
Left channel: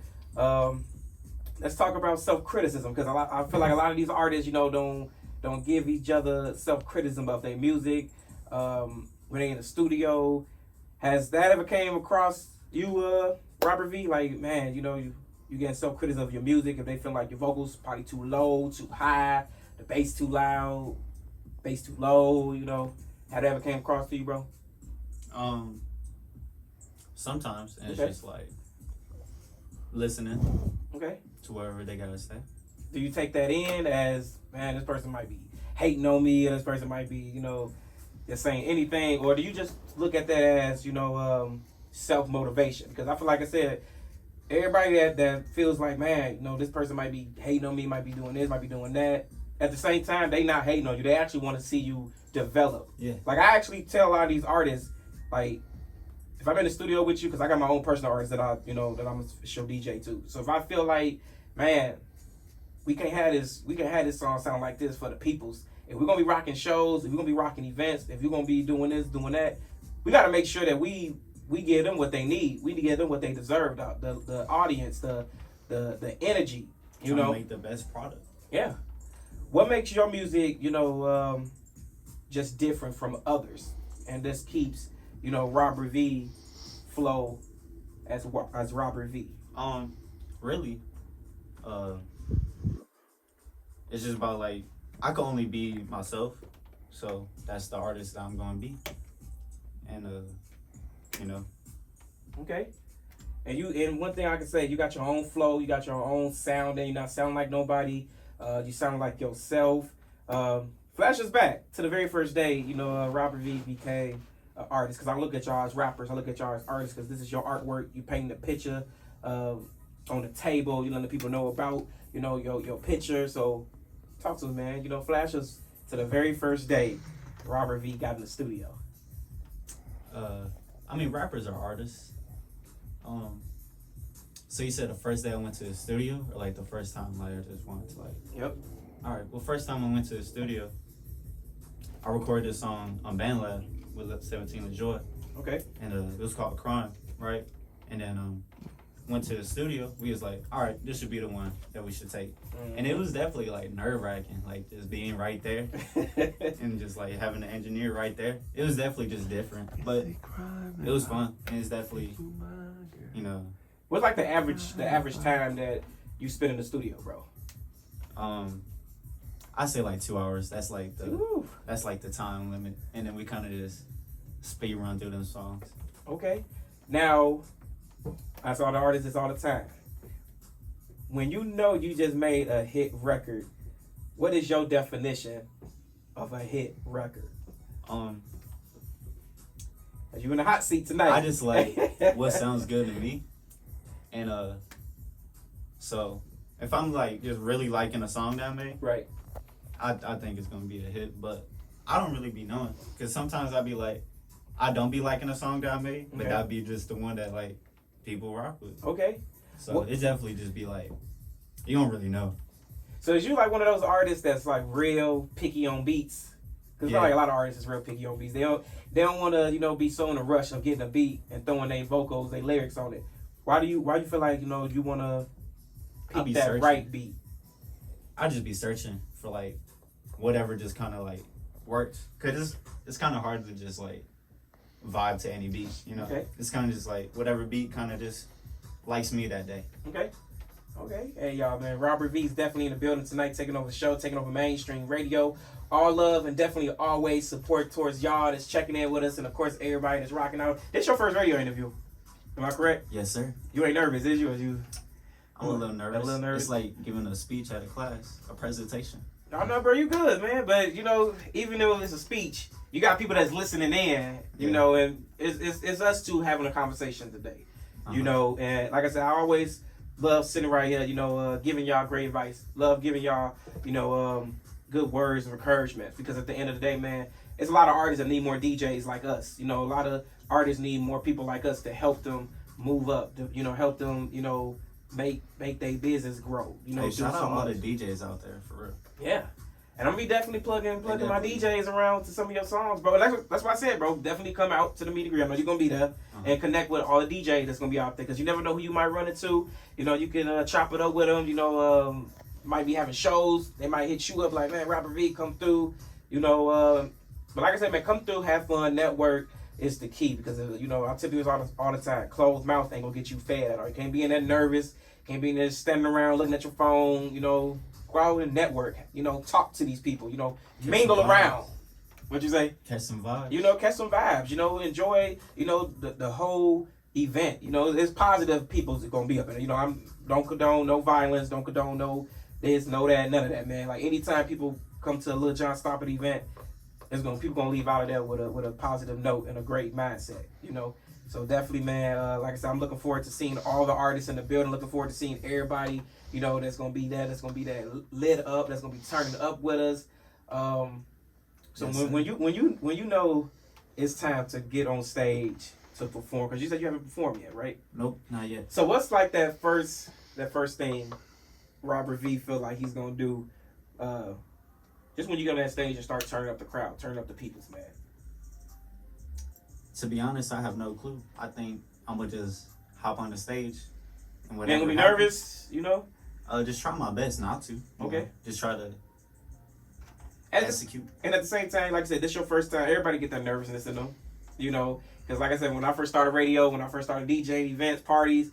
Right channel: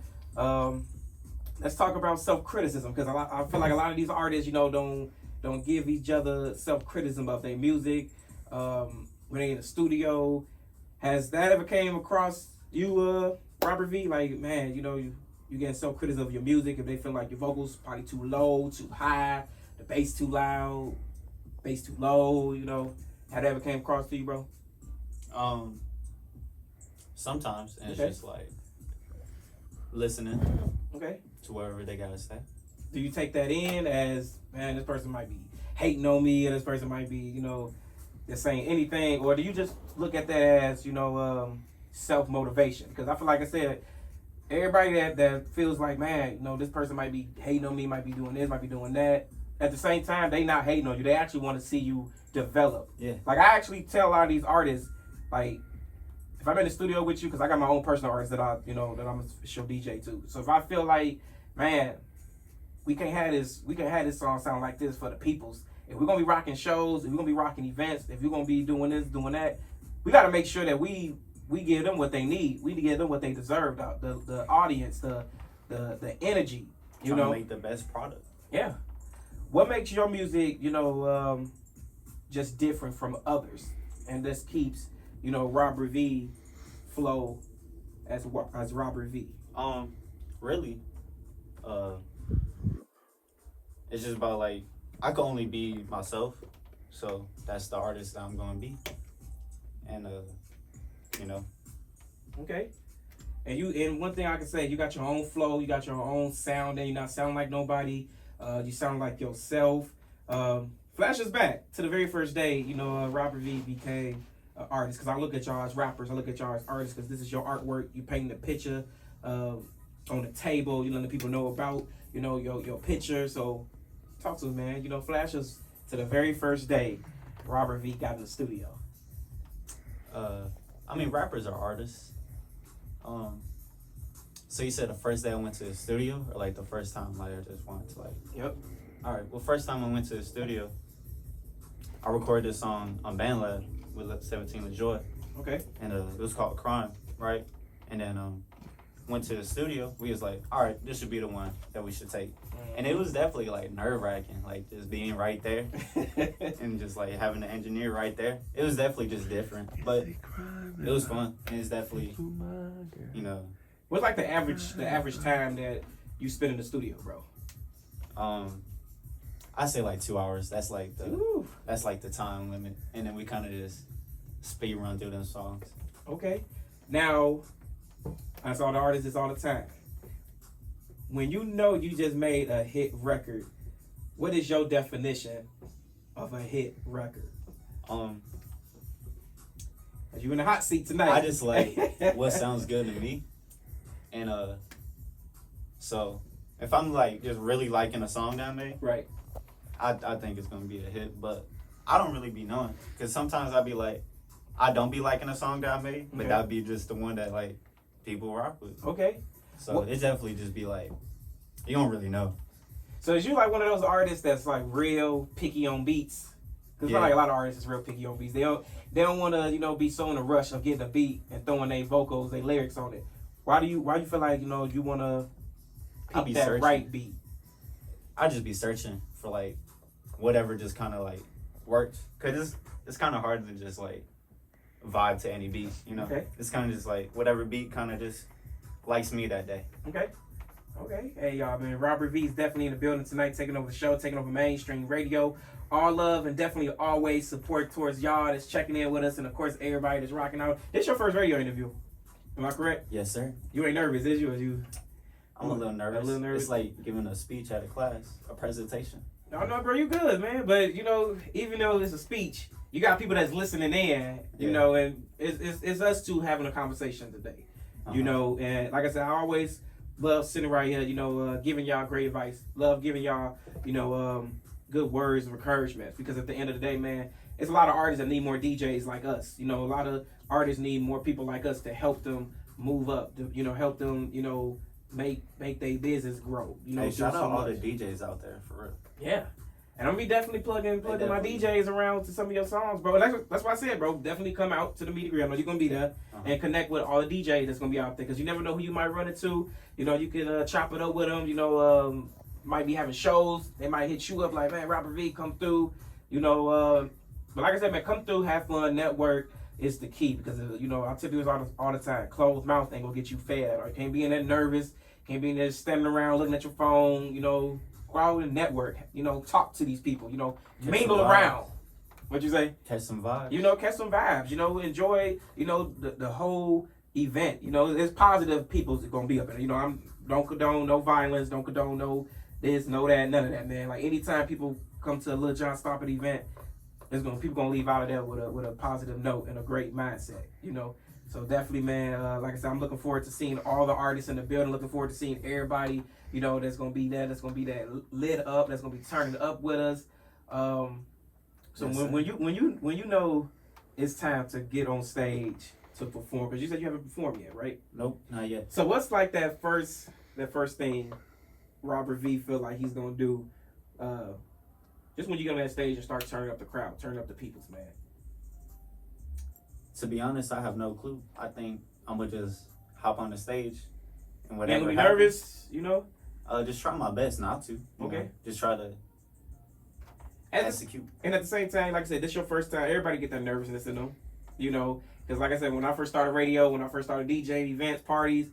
Let's talk about self-criticism, because I feel like a lot of these artists, don't give each other self-criticism of their music when they in the studio. Has that ever came across you, Robert V? Like, man, you getting self-criticism of your music if they feel like your vocals probably too low, too high, the bass too loud, bass too low. Have that ever came across to you, bro? Sometimes, and Okay. it's just like listening Okay. to whatever they gotta say. Do you take that in as, man, this person might be hating on me, or this person might be, just saying anything, or do you just look at that as, self-motivation? Because I feel like I said, everybody that feels like, man, this person might be hating on me, might be doing this, might be doing that. At the same time, they not hating on you. They actually want to see you develop. Yeah. Like, I actually tell a lot of these artists, like, if I'm in the studio with you, because I got my own personal artists that that I'm a show DJ too. So if I feel like, man, we can have this song sound like this for the peoples, if we're gonna be rocking shows, if we're gonna be rocking events, if we're gonna be doing this, doing that, we gotta make sure that we give them what they need. We give them what they deserve. The audience, the energy. You Trying know, to make the best product. yeah. What makes your music, just different from others, and this keeps, Robert V flow as Robert V. Really, it's just about like I can only be myself, so that's the artist that I'm gonna be, and Okay. And one thing I can say, you got your own flow, you got your own sound, and you're not sounding like nobody. You sound like yourself. Flash us back to the very first day, Robert V became an artist. Because I look at y'all as rappers, I look at y'all as artists, because this is your artwork. You paint the picture on the table, you let people know about, your picture. So talk to us, man. Flash us to the very first day Robert V got in the studio. I mean, rappers are artists. So you said the first day I went to the studio, or like the first time like I just wanted to like. Yep. All right. Well, first time I went to the studio, I recorded this song on BandLab with 17 with Joy. Okay. And it was called Crime, right? And then went to the studio. We was like, all right, this should be the one that we should take. And it was definitely like nerve wracking, like just being right there and just like having the engineer right there. It was definitely just different, but it was fun. And it's definitely, What's like the average time that you spend in the studio, bro? I say like 2 hours. That's like the time limit. And then we kind of just speed run through them songs. Okay. Now, I saw the artists all the time. When you just made a hit record, what is your definition of a hit record? As you in the hot seat tonight. I just like what sounds good to me. And so if I'm like just really liking a song that I made, right, I think it's gonna be a hit. But I don't really be knowing, because sometimes I be like, I don't be liking a song that I made, but that'd be just the one that like people rock with. Okay. So it definitely just be like, you don't really know. So is you like one of those artists that's like real picky on beats? Because like a lot of artists is real picky on beats. They don't want to be so in a rush of getting a beat and throwing their vocals, their lyrics on it. Why do you feel like you want to pick that searching. right beat? I just be searching for like whatever just kind of like works, cause it's kind of hard to just like vibe to any beat, Okay. It's kind of just like whatever beat kind of just likes me that day. Okay. Hey y'all, man. Robert V is definitely in the building tonight, taking over the show, taking over mainstream radio. All love and definitely always support towards y'all that's checking in with us, and of course everybody that's rocking out. This your first radio interview, am I correct? Yes, sir. You ain't nervous, is you? Or you? I'm a little nervous. A little nervous. It's like giving a speech at a class, a presentation. No, bro, you good, man. But even though it's a speech, you got people that's listening in, and it's us two having a conversation today, And like I said, I always love sitting right here, giving y'all great advice. Love giving y'all, good words of encouragement, because at the end of the day, man, it's a lot of artists that need more DJs like us. A lot of artists need more people like us to help them move up, to, help them, make their business grow. Hey, shout out all the DJs out there, for real. Yeah. And I'm gonna be definitely plugging my DJs around to some of your songs, bro. That's why I said, bro, definitely come out to the meet and greet. I know you're gonna be there and connect with all the DJs that's gonna be out there, because you never know who you might run into. You can chop it up with them. Might be having shows. They might hit you up like, man, Robert V, come through. But like I said, man, come through, have fun, network is the key, because I tell people all the time, closed mouth ain't gonna get you fed. Or you can't be in there nervous, can't be in there standing around looking at your phone. Go out and network. Talk to these people. Mingle around. What you say? Catch some vibes. Catch some vibes. Enjoy. The whole event. There's positive people that's gonna be up there. I don't condone no violence. Don't condone no this, no that, none of that, man. Like anytime people come to a Lil Jon Stopper event, people gonna leave out of there with a positive note and a great mindset. So definitely, man. Like I said, I'm looking forward to seeing all the artists in the building. Looking forward to seeing everybody. That's gonna be there. That's gonna be that lit up. That's gonna be turning up with us. So when you know it's time to get on stage to perform, because you said you haven't performed yet, right? Nope, not yet. So what's like that first thing Robert V feel like he's gonna do Just when you get on that stage and start turning up the crowd, turning up the peoples, man. To be honest, I have no clue. I think I'm gonna just hop on the stage and Man, whatever. gonna be happens, nervous, you know? Just try my best not to. you Okay. know, just try to And execute. And at the same time, like I said, this your first time. Everybody get that nervousness in them, you know. Because like I said, when I first started radio, when I first started DJing events, parties,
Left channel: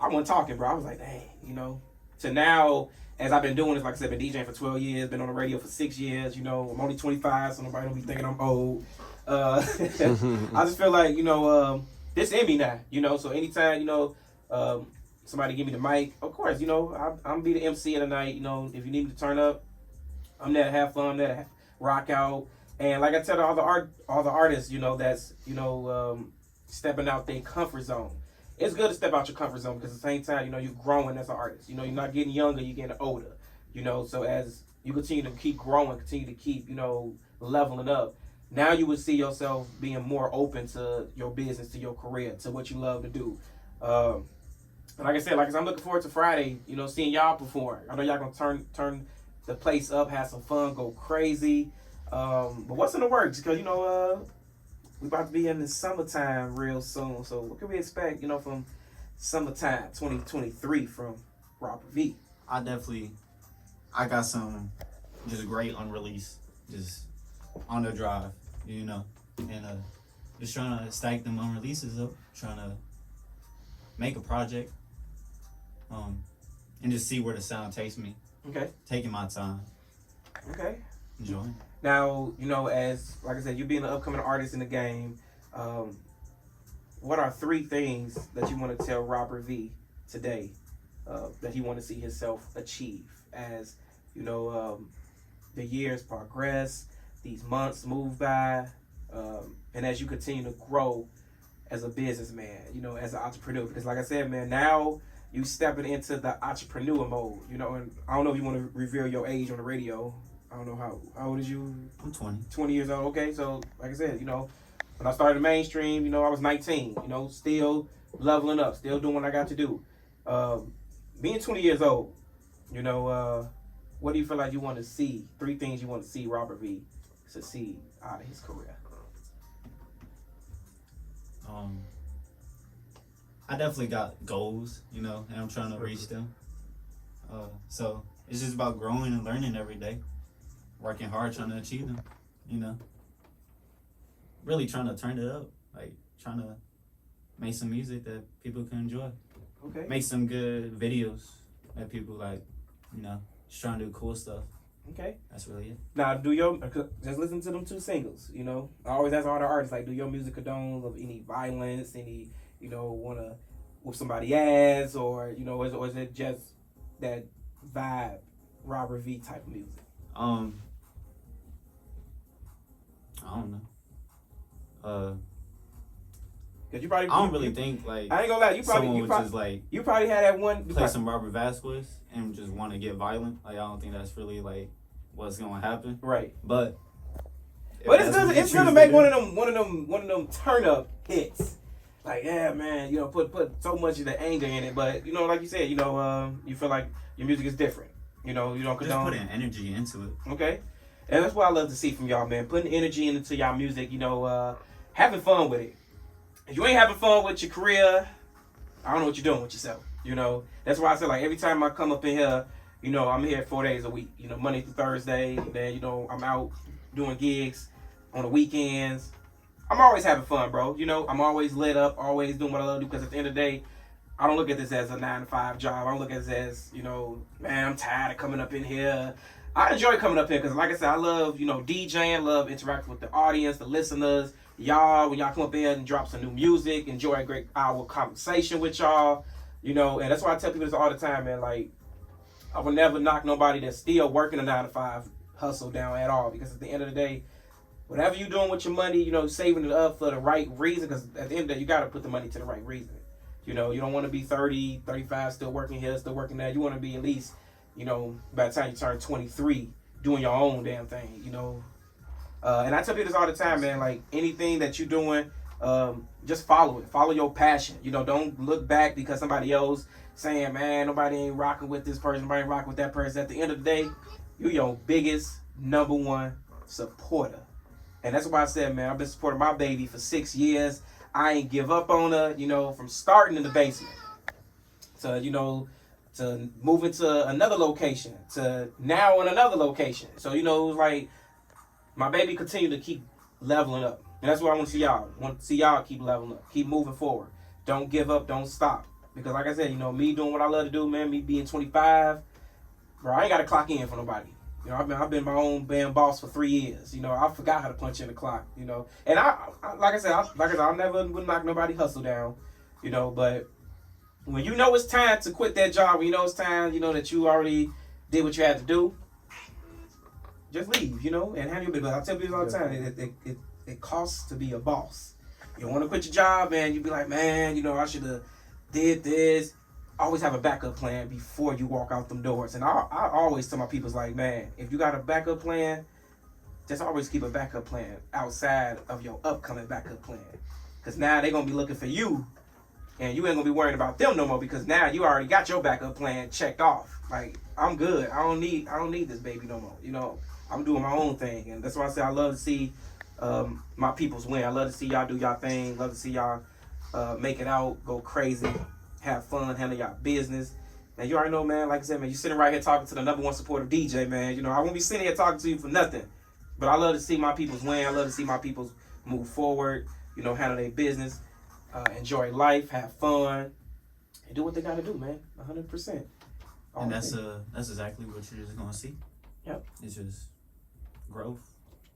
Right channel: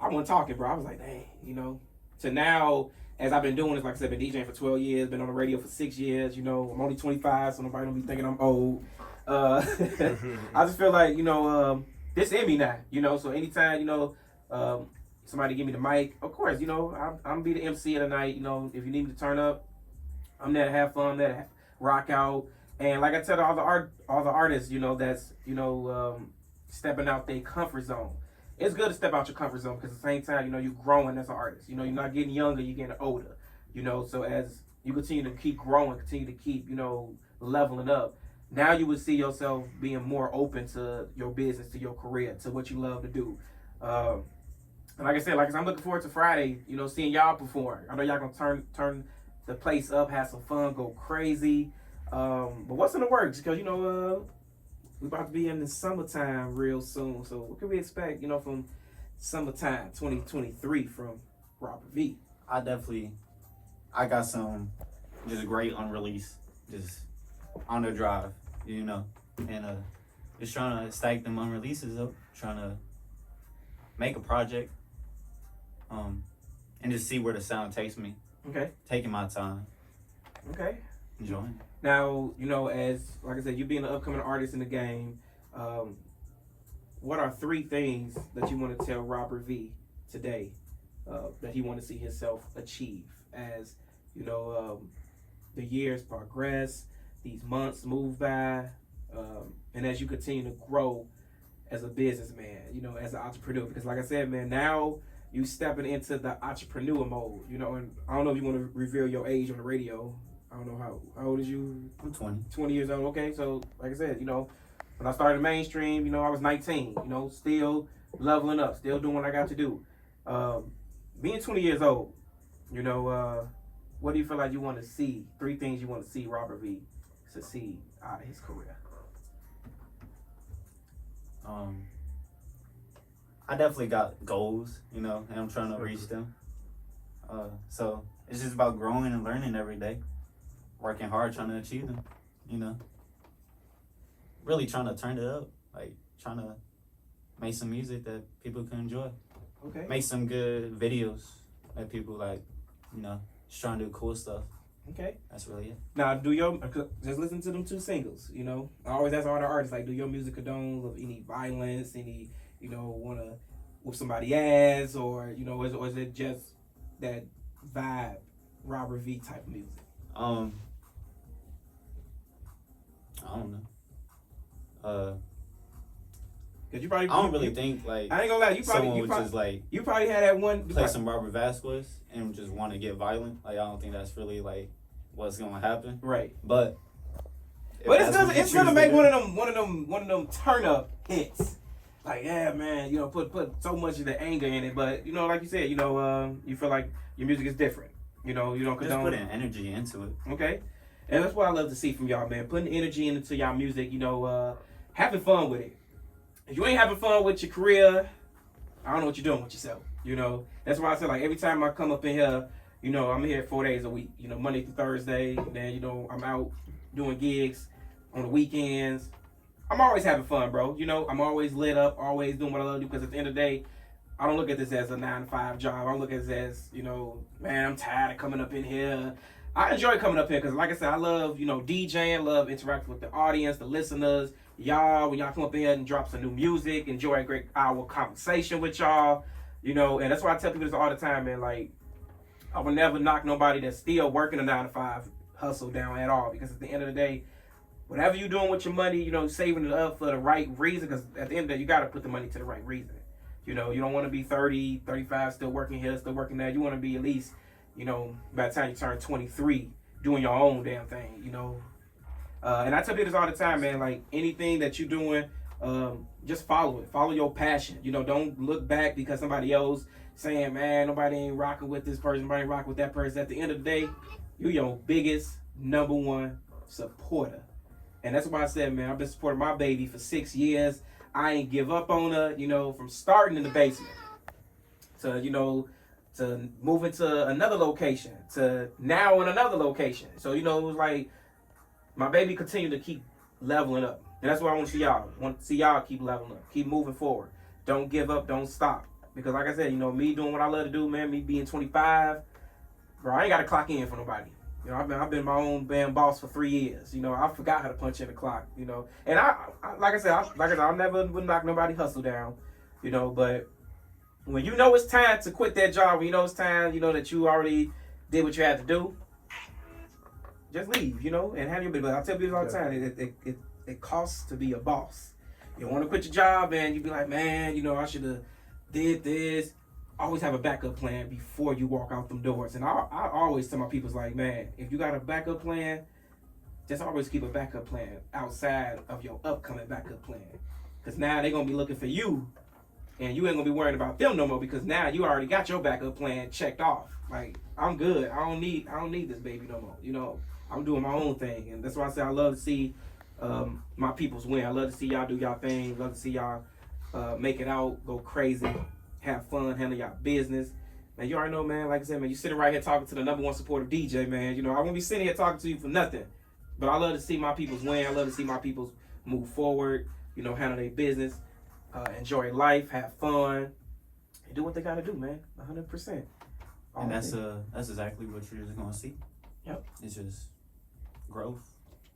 I wasn't talking, bro. I was like, dang, you know. To now, as I've been doing this, like I said, been DJing for 12 years, been on the radio for 6 years. You know, I'm only 25, so nobody don't be thinking I'm old. I just feel like, you know, this in me now, you know. So anytime, you know, somebody give me the mic, of course, you know, I'm be the MC of the night. You know, if you need me to turn up, I'm there to have fun, I'm there to rock out. And like I tell all the artists, you know, that's, you know, stepping out their comfort zone. It's good to step out your comfort zone because at the same time, you know, you're growing as an artist. You know, you're not getting younger, you're getting older. You know, so as you continue to keep growing, continue to keep, you know, leveling up, now you would see yourself being more open to your business, to your career, to what you love to do. And like I said, I'm looking forward to Friday, you know, seeing y'all perform. I know y'all gonna turn the place up, have some fun, go crazy. But what's in the works? Because, you know, we're about to be in the summertime real soon. So what can we expect, you know, from summertime 2023 from Robert V? I got some just great unreleased, just on the drive, you know, and just trying to stack them unreleases up, trying to make a project, and just see where the sound takes me. Okay. Taking my time. Okay. Enjoying. Now, you know, as like I said, you being an upcoming artist in the game, what are 3 things that you want to tell Robert V today that he want to see himself achieve as, you know, the years progress, these months move by, and as you continue to grow as a businessman, you know, as an entrepreneur? Because like I said, man, now you stepping into the entrepreneur mode, you know, and I don't know if you want to reveal your age on the radio. I don't know how old is you? I'm 20. 20 years old. Okay, so like I said, you know, when I started mainstream, you know, I was 19, you know, still leveling up, still doing what I got to do. Being 20 years old, you know, what do you feel like you want to see? 3 things you want to see Robert V succeed out of his career. I definitely got goals, you know, and I'm trying to reach them. So it's just about growing and learning every day, working hard, trying to achieve them, you know. Really trying to turn it up, like trying to make some music that people can enjoy. Okay. Make some good videos that people like, you know, just trying to do cool stuff. Okay. That's really it. Now, just listen to them 2 singles, you know. I always ask all the artists, like, do your music condone of any violence, any, you know, want to whoop somebody ass, or, you know, or is it just that vibe, Robert V type of music? I don't know. Cause you probably, I don't really think like I ain't gonna lie, you someone would just like you probably had that one play some Robert Vazquez and just want to get violent. Like I don't think that's really like what's gonna happen. right. But It's gonna make one of them turn up hits. Like, yeah, man, you know, put so much of the anger in it, but you know, like you said, you know, you feel like your music is different. You know, you don't condone. Just putting energy into it. Okay, and that's what I love to see from y'all, man. Putting energy into y'all music. You know, having fun with it. If you ain't having fun with your career, I don't know what you're doing with yourself. You know, that's why I say, like, every time I come up in here, you know, I'm here 4 days a week. You know, Monday through Thursday. And then, you know, I'm out doing gigs on the weekends. I'm always having fun, bro. You know, I'm always lit up, always doing what I love to do. Because at the end of the day, I don't look at this as a 9-to-5 job. I don't look at this as, you know, man, I'm tired of coming up in here. I enjoy coming up here because, like I said, I love, you know, DJing, love interacting with the audience, the listeners. Y'all, when y'all come up in and drop some new music, enjoy a great hour conversation with y'all, you know, and that's why I tell people this all the time, man. Like, I would never knock nobody that's still working a 9-to-5 hustle down at all, because at the end of the day, whatever you're doing with your money, you know, saving it up for the right reason, because at the end of the day, you got to put the money to the right reason. You know, you don't want to be 30, 35, still working here, still working there. You want to be at least, you know, by the time you turn 23, doing your own damn thing, you know. And I tell people this all the time, man. Like, anything that you're doing, just follow it. Follow your passion. You know, don't look back because somebody else saying, man, nobody ain't rocking with this person, nobody ain't rocking with that person. At the end of the day, you're your biggest #1 supporter. And that's why I said, man, I've been supporting my baby for 6 years. I ain't give up on her, from starting in the basement to, to moving to another location, to now in another location. So, it was like my baby continued to keep leveling up. And that's what I want to see y'all. I want to see y'all keep leveling up, keep moving forward. Don't give up, don't stop. Because like I said, me doing what I love to do, man, me being 25, bro, I ain't got to clock in for nobody. I've been my own band boss for 3 years. I forgot how to punch in the clock. And I like I said, I never would knock nobody hustle down. But when it's time to quit that job, when it's time, that you already did what you had to do, just leave. And have your baby. I tell people all the time, it costs to be a boss. You don't want to quit your job and you be like, man, I should have did this. Always have a backup plan before you walk out them doors. And I always tell my people, like, man, if you got a backup plan, just always keep a backup plan outside of your upcoming backup plan. Because now they're going to be looking for you, and you ain't going to be worried about them no more, because now you already got your backup plan checked off. Like, I'm good. I don't need this baby no more. I'm doing my own thing. And that's why I say I love to see my peoples win. I love to see y'all do y'all thing. Love to see y'all make it out, go crazy, have fun, handle y'all business. And you already know, man, like I said, man, you sitting right here talking to the #1 supportive DJ, man. I won't be sitting here talking to you for nothing. But I love to see my peoples win. I love to see my peoples move forward, handle their business, enjoy life, have fun, and do what they got to do, man, 100%. And that's exactly what you're just going to see. Yep. It's just growth,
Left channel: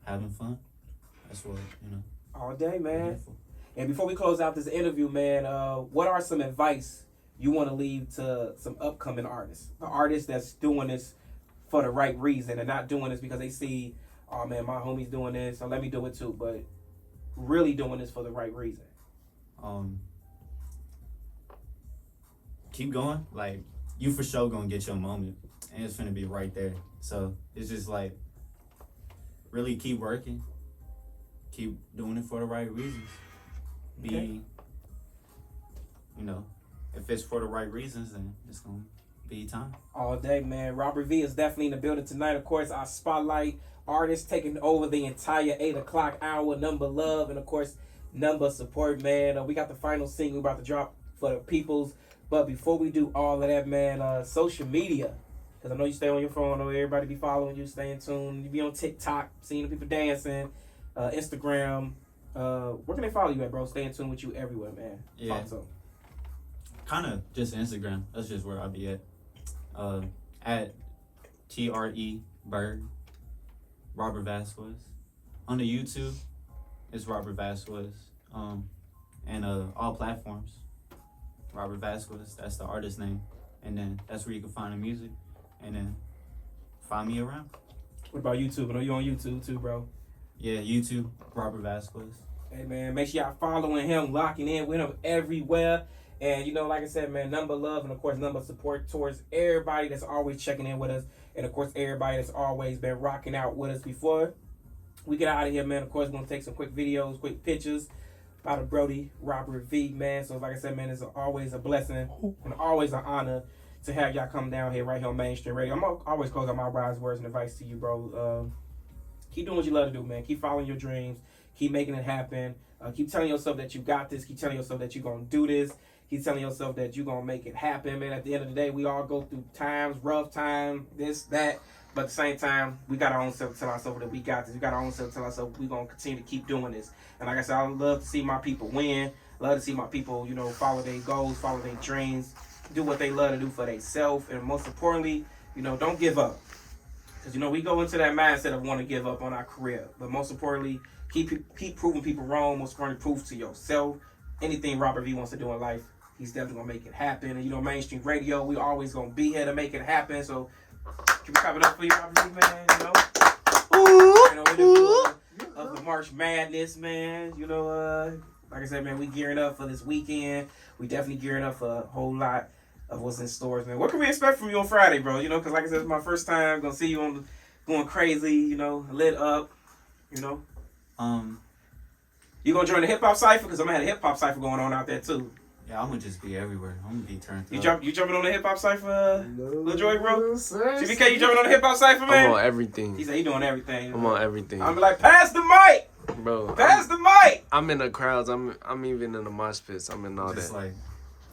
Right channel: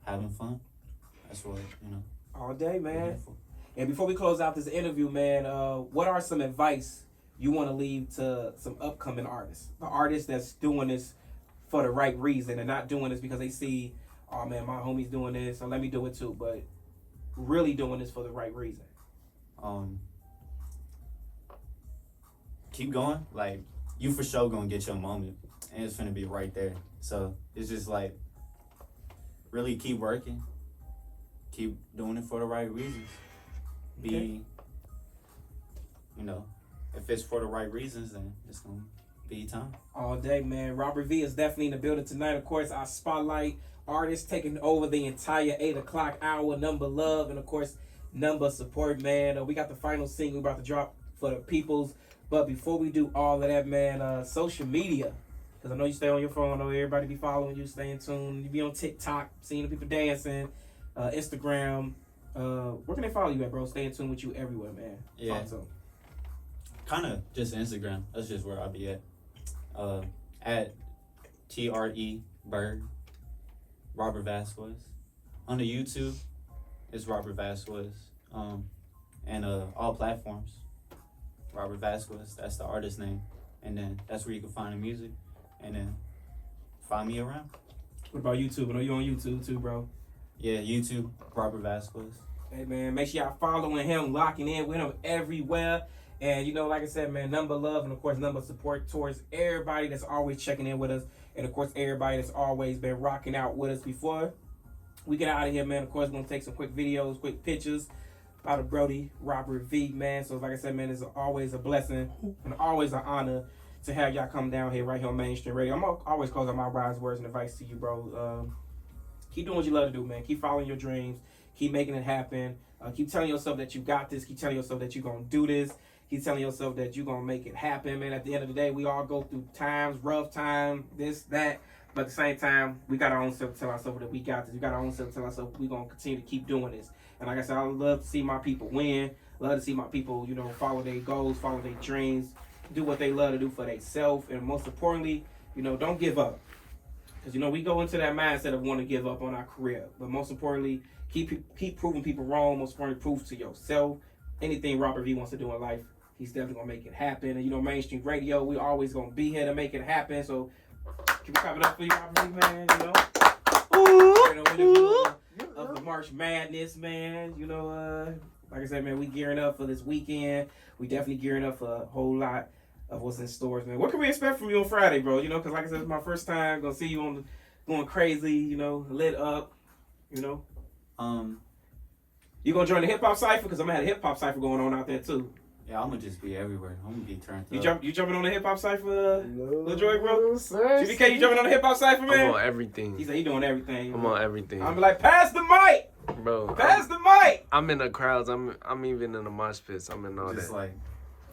having fun. That's what, all day, man. And before we close out this interview, man, what are some advice you want to leave to some upcoming artists? The artists that's doing this for the right reason and not doing this because they see, oh, man, my homie's doing this, so let me do it too. But really doing this for the right reason. Keep going. Like, you for sure going to get your moment. And it's going to be right there. So it's just like, really keep working. Keep doing it for the right reasons. If it's for the right reasons, then it's going to be time. All day, man. Robert V is definitely in the building tonight. Of course, our spotlight artist taking over the entire 8 o'clock hour. Number love and, of course, number support, man. We got the final single about to drop for the peoples. But before we do all of that, man, social media. Because I know you stay on your phone. I know everybody be following you, staying tuned. You be on TikTok, seeing the people dancing. Instagram. Where can they follow you at, bro? Stay in tune with you everywhere, man. Yeah. Kind of just Instagram. That's just where I'll be at. At TRE Bird, Robert Vazquez. On the YouTube, it's Robert Vazquez. And all platforms, Robert Vazquez. That's the artist name. And then that's where you can find the music. And then find me around. What about YouTube? I know you on YouTube too, bro. Yeah, YouTube, Robert Vazquez. Hey, man, make sure y'all following him, locking in with him everywhere. And, like I said, man, number love and, of course, number support towards everybody that's always checking in with us. And, of course, everybody that's always been rocking out with us before we get out of here, man. Of course, we're going to take some quick videos, quick pictures about a Brody, Robert V, man. So, like I said, man, it's always a blessing and always an honor to have y'all come down here right here on Mainstream Radio. I'm going to always close out my wise words and advice to you, bro. Keep doing what you love to do, man. Keep following your dreams. Keep making it happen. Keep telling yourself that you got this. Keep telling yourself that you're going to do this. Keep telling yourself that you're going to make it happen, man. At the end of the day, we all go through times, rough time, this, that. But at the same time, we got our own self to tell ourselves that we got this. We got our own self to tell ourselves we're going to continue to keep doing this. And like I said, I love to see my people win. Love to see my people, follow their goals, follow their dreams, do what they love to do for themselves. And most importantly, don't give up. Because, we go into that mindset of wanting to give up on our career. But most importantly, keep proving people wrong. Most importantly, prove to yourself. Anything Robert V wants to do in life, he's definitely going to make it happen. And, Mainstream Radio, we always going to be here to make it happen. So, keep clapping up for you, Robert V, man, of the March Madness, man. Like I said, man, we gearing up for this weekend. We definitely gearing up for a whole lot of what's in stores, man. What can we expect from you on Friday, bro? Because like I said, it's my first time. Gonna see you going crazy, lit up, You gonna join the hip hop cipher? Because I'm gonna have a hip hop cipher going on out there too. Yeah, I'm gonna just be everywhere. I'm gonna be turned You up. jumping on the hip hop cypher, No, Lil Joy, bro? sir. CBK, you jumping on the hip hop cypher, man? I'm on everything. He said he doing everything. I'm on everything. I'm like, pass the mic, Bro, pass the mic. I'm in the crowds. I'm even in the mosh pits. I'm in all Just that. like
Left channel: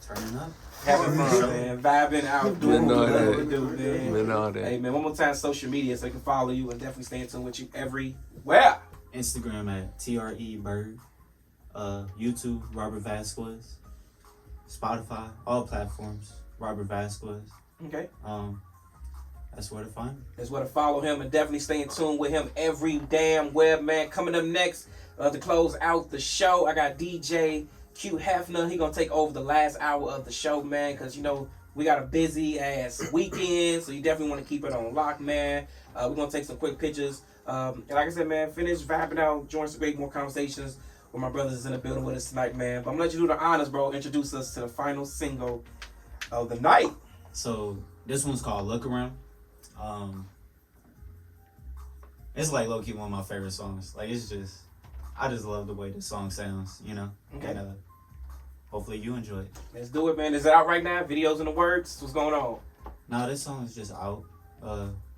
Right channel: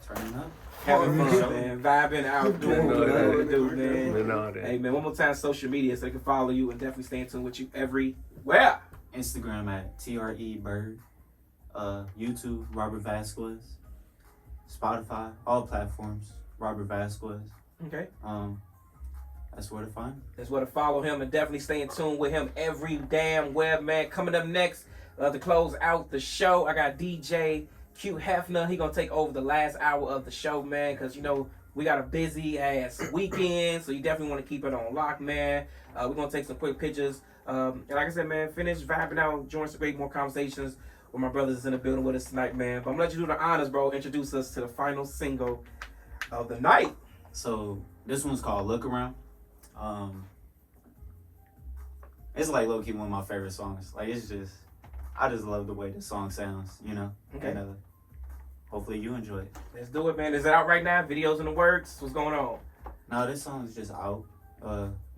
turning up. Having fun, man. Vibing out, doing what you love to do, man. I'm in all that. Hey, man, one more time, social media, so they can follow you and definitely stay in tune with you everywhere. Instagram at TREBird. YouTube, Robert Vazquez. Spotify, all platforms, Robert Vazquez. Okay. That's where to find me. That's where to follow him and definitely stay in tune with him every damn web, man. Coming up next, to close out the show, I got DJ Q Hefner. He gonna take over the last hour of the show, man, because, you know, we got a busy ass weekend, so you definitely want to keep it on lock, man. We're gonna take some quick pictures. And like I said, man, finish vibing out, join some great more conversations with my brothers in the building with us tonight, man. But I'm gonna let you do the honors, bro. Introduce us to the final single of the night. So this one's called Look Around. It's like low-key one of my favorite songs. Like I just love the way the song sounds, you know? Okay. And hopefully you enjoy it. Let's do it, man. Is it out right now? Videos in the works? What's going on? No, this song is just out.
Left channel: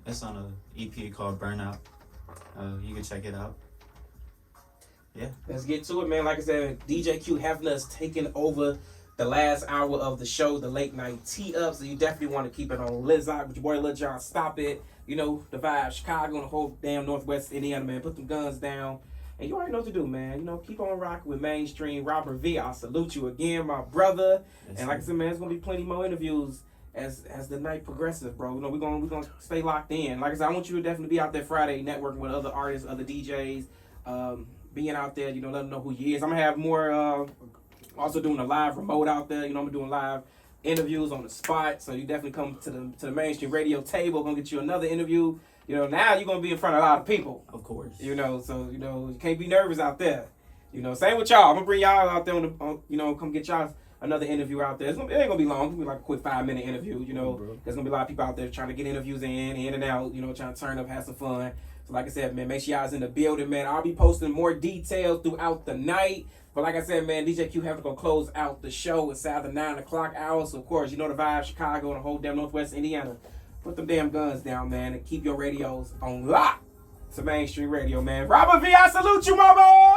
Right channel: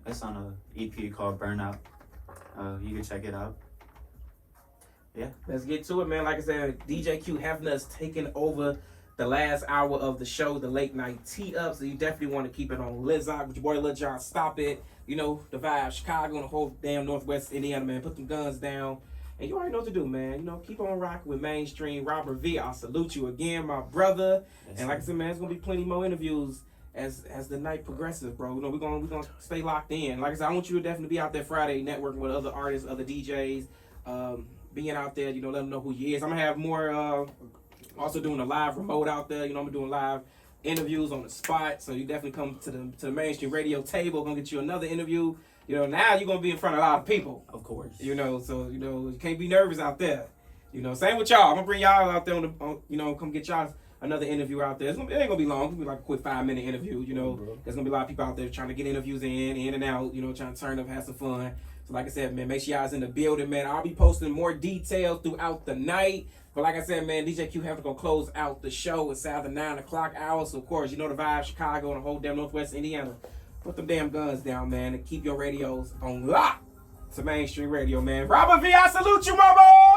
It's on a EP called Burnout. You can check it out. Yeah. Let's get to it, man. Like I said, DJ Q Hefner is taking over the last hour of the show, the late night tee up. So you definitely want to keep it on Lizzock with your boy Lil Jon. Stop it. You know, the vibe, Chicago and the whole damn Northwest Indiana, man. Put them guns down. And you already know what to do, man. You know, keep on rocking with Mainstream. Robert V, I salute you again, my brother. Yes, and like I said, man, there's gonna be plenty more interviews as the night progresses, bro. You know, we're gonna stay locked in. Like I said, I want you to definitely be out there Friday networking with other artists, other DJs, being out there, you know, let them know who you is. I'm gonna have more also doing a live remote out there. You know, I'm doing live interviews on the spot. So you definitely come to the Mainstream radio table, gonna get you another interview. You know, now you're gonna be in front of a lot of people. Of course. You know, so you know, you can't be nervous out there. You know, same with y'all. I'm gonna bring y'all out there you know, come get y'all another interview out there. It ain't gonna be long. It's gonna be like a quick 5-minute interview. You know, there's gonna be a lot of people out there trying to get interviews in and out. You know, trying to turn up, have some fun. So like I said, man, make sure y'all's in the building, man. I'll be posting more details throughout the night. But like I said, man, DJ Q have to go close out the show. It's at the 9 o'clock hour. So of course, you know the vibe, Chicago and the whole damn Northwest Indiana. Put them damn guns down, man, and keep your radios on lock to Mainstream Radio, man. Robert V, I salute you, my boy.